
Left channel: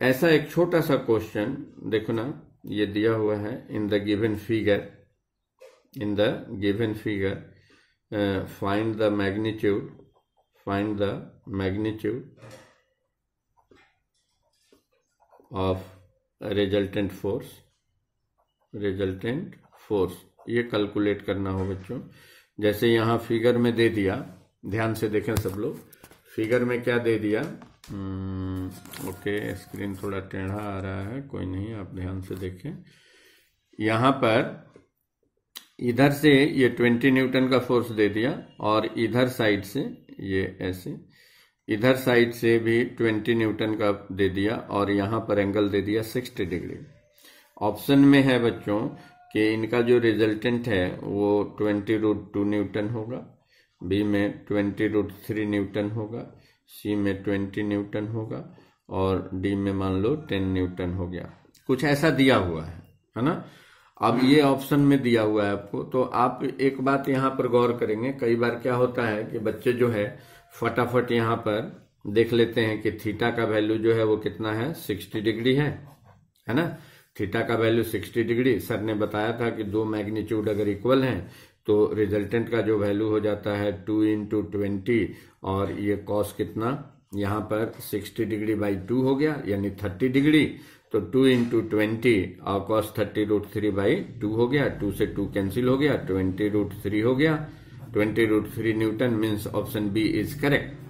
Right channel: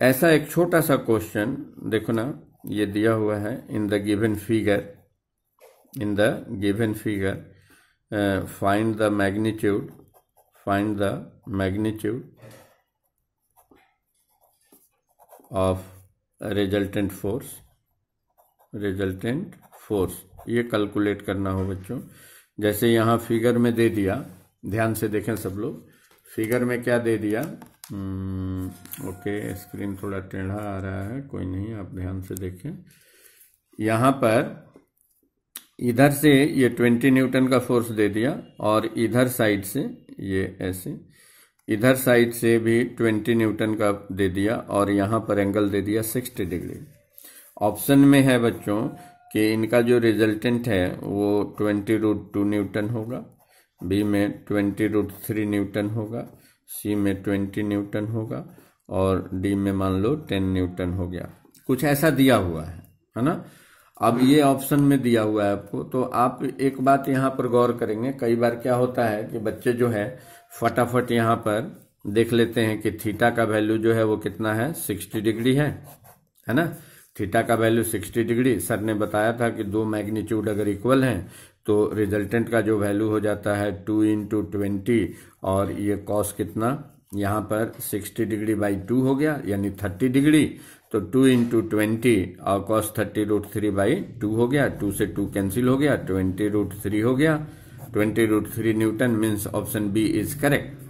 ऐसा एक छोटा सा क्वेश्चन देखो ना, ये दिया हुआ है in the given figure, in the given figure find the magnitude of resultant force, ये कैलकुलेट करना हो बच्चों। जैसे यहाँ फिगर में दे दिया, ध्यान से देखें सब लोग, फिगर में क्या दे दिया, ओके स्क्रीन थोड़ा टेढ़ा आ रहा है, कोई नहीं, आप ध्यान से देखें। यहाँ पर इधर से ये 20 न्यूटन का फोर्स दे दिया और इधर साइड से ये ऐसे, इधर साइड से भी 20 न्यूटन का दे दिया और यहाँ पर एंगल दे दिया 60 डिग्री। ऑप्शन में है बच्चों कि इनका जो रिजल्टेंट है वो 20√2 न्यूटन होगा, बी में 20√3 न्यूटन होगा, सी में 20 न्यूटन होगा और डी में मान लो 10 न्यूटन हो गया, कुछ ऐसा दिया हुआ है ना। अब ये ऑप्शन में दिया हुआ है आपको, तो आप एक बात यहाँ पर गौर करेंगे, कई बार क्या होता है कि बच्चे जो है फटाफट यहाँ पर देख लेते हैं कि थीटा का वैल्यू जो है वो कितना है 60 डिग्री है ना। थीटा का वैल्यू 60 डिग्री, सर ने बताया था कि दो मैग्नीट्यूड अगर इक्वल हैं तो रिजल्टेंट का जो वैल्यू हो जाता है 2 × 20 और ये कॉस कितना यहाँ पर 60 डिग्री बाई 2 हो गया यानी 30 डिग्री, तो 2 × 20 और कॉस 30√3 बाई 2 हो गया, 2 से 2 कैंसिल हो गया, 20√3 हो गया, 20√3 newton means option B is correct.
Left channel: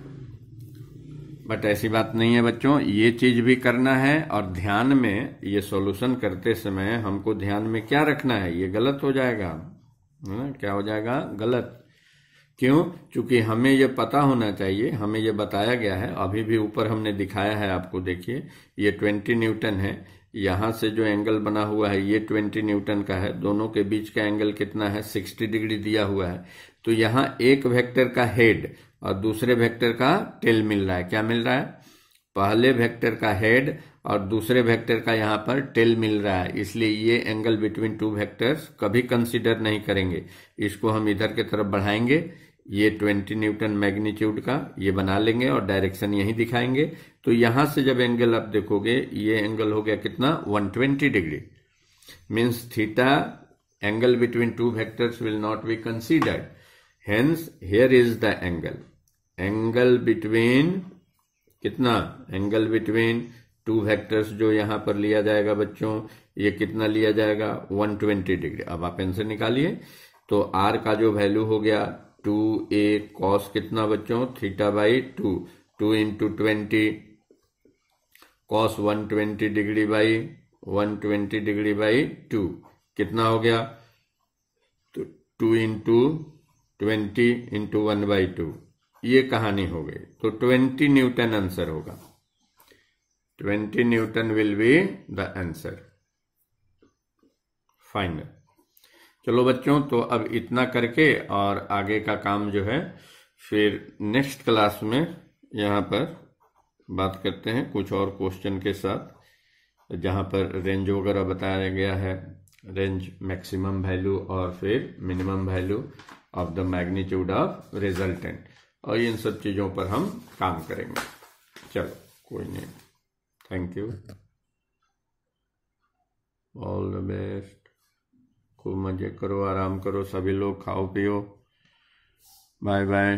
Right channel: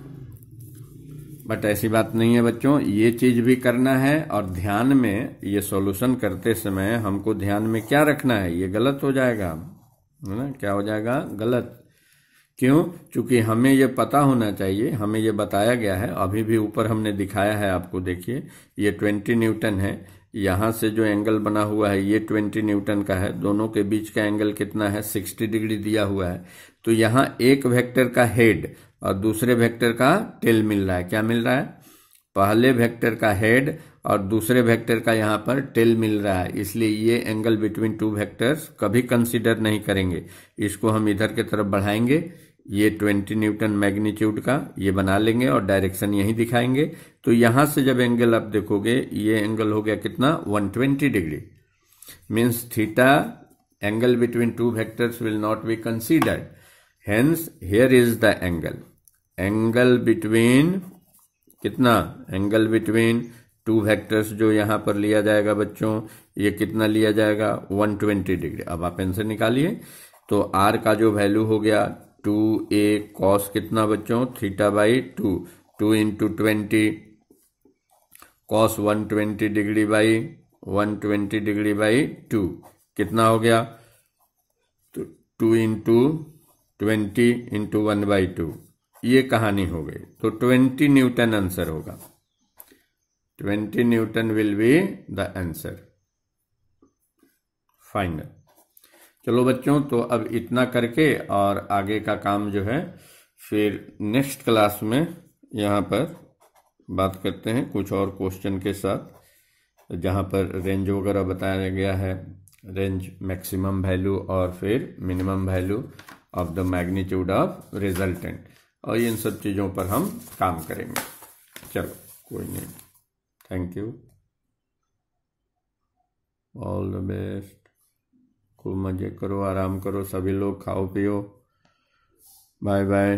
But ऐसी बात नहीं है बच्चों, ये चीज भी करना है और ध्यान में ये सॉल्यूशन करते समय हमको ध्यान में क्या रखना है, ये गलत हो जाएगा, है ना, क्या हो जाएगा गलत। क्यों? क्योंकि हमें ये पता होना चाहिए, हमें ये बताया गया है, अभी भी ऊपर हमने दिखाया है आपको, देखिए ये 20 न्यूटन है, यहाँ से जो एंगल बना हुआ है ये 20 न्यूटन का है, दोनों के बीच का एंगल कितना है 60 डिग्री दिया हुआ है। तो यहाँ एक वेक्टर का हेड और दूसरे वेक्टर का टेल मिल रहा है, क्या मिल रहा है, पहले वेक्टर का हेड और दूसरे वेक्टर का यहाँ पर टेल मिल रहा है, इसलिए ये एंगल बिटवीन टू वेक्टर्स कभी कंसीडर नहीं करेंगे, इसको हम इधर की तरफ बढ़ाएंगे, ये 20 न्यूटन मैग्नीट्यूड का ये बना लेंगे और डायरेक्शन यही दिखाएंगे। तो यहां से जब एंगल आप देखोगे ये एंगल हो गया कितना 120 degree, means theta angle between two vectors will not be considered, hence here is the angle between कितना, एंगल बिटवीन टू वेक्टर्स जो यहां पर लिया जाएगा बच्चों, ये कितना लिया जाएगा 120 डिग्री। अब आप आंसर निकालिए, तो आर का जो वैल्यू हो गया 2a cos कितना बच्चों theta by 2, 2 × 20 cos 120 degree by 120 degree by 2 कितना हो गया? तो 2 इंटू 20 इंटू 1/2 ये कहानी हो गई। तो 20 न्यूटन आंसर होगा। 20 Newton will be the answer final. चलो बच्चों, तो अब इतना करके और आगे का काम जो है फिर नेक्स्ट क्लास में यहाँ पर बात करते हैं कुछ और क्वेश्चन के साथ, जहाँ पर रेंज वगैरह बताया गया है, रेंज मैक्सिमम वैल्यू और फिर minimum value of the magnitude of resultant, और इन सब चीज़ों पर हम काम करेंगे। चलो कोई नहीं, thank you, all the best, खूब मजे करो, आराम करो सभी लोग, खाओ पियो, बाय बाय।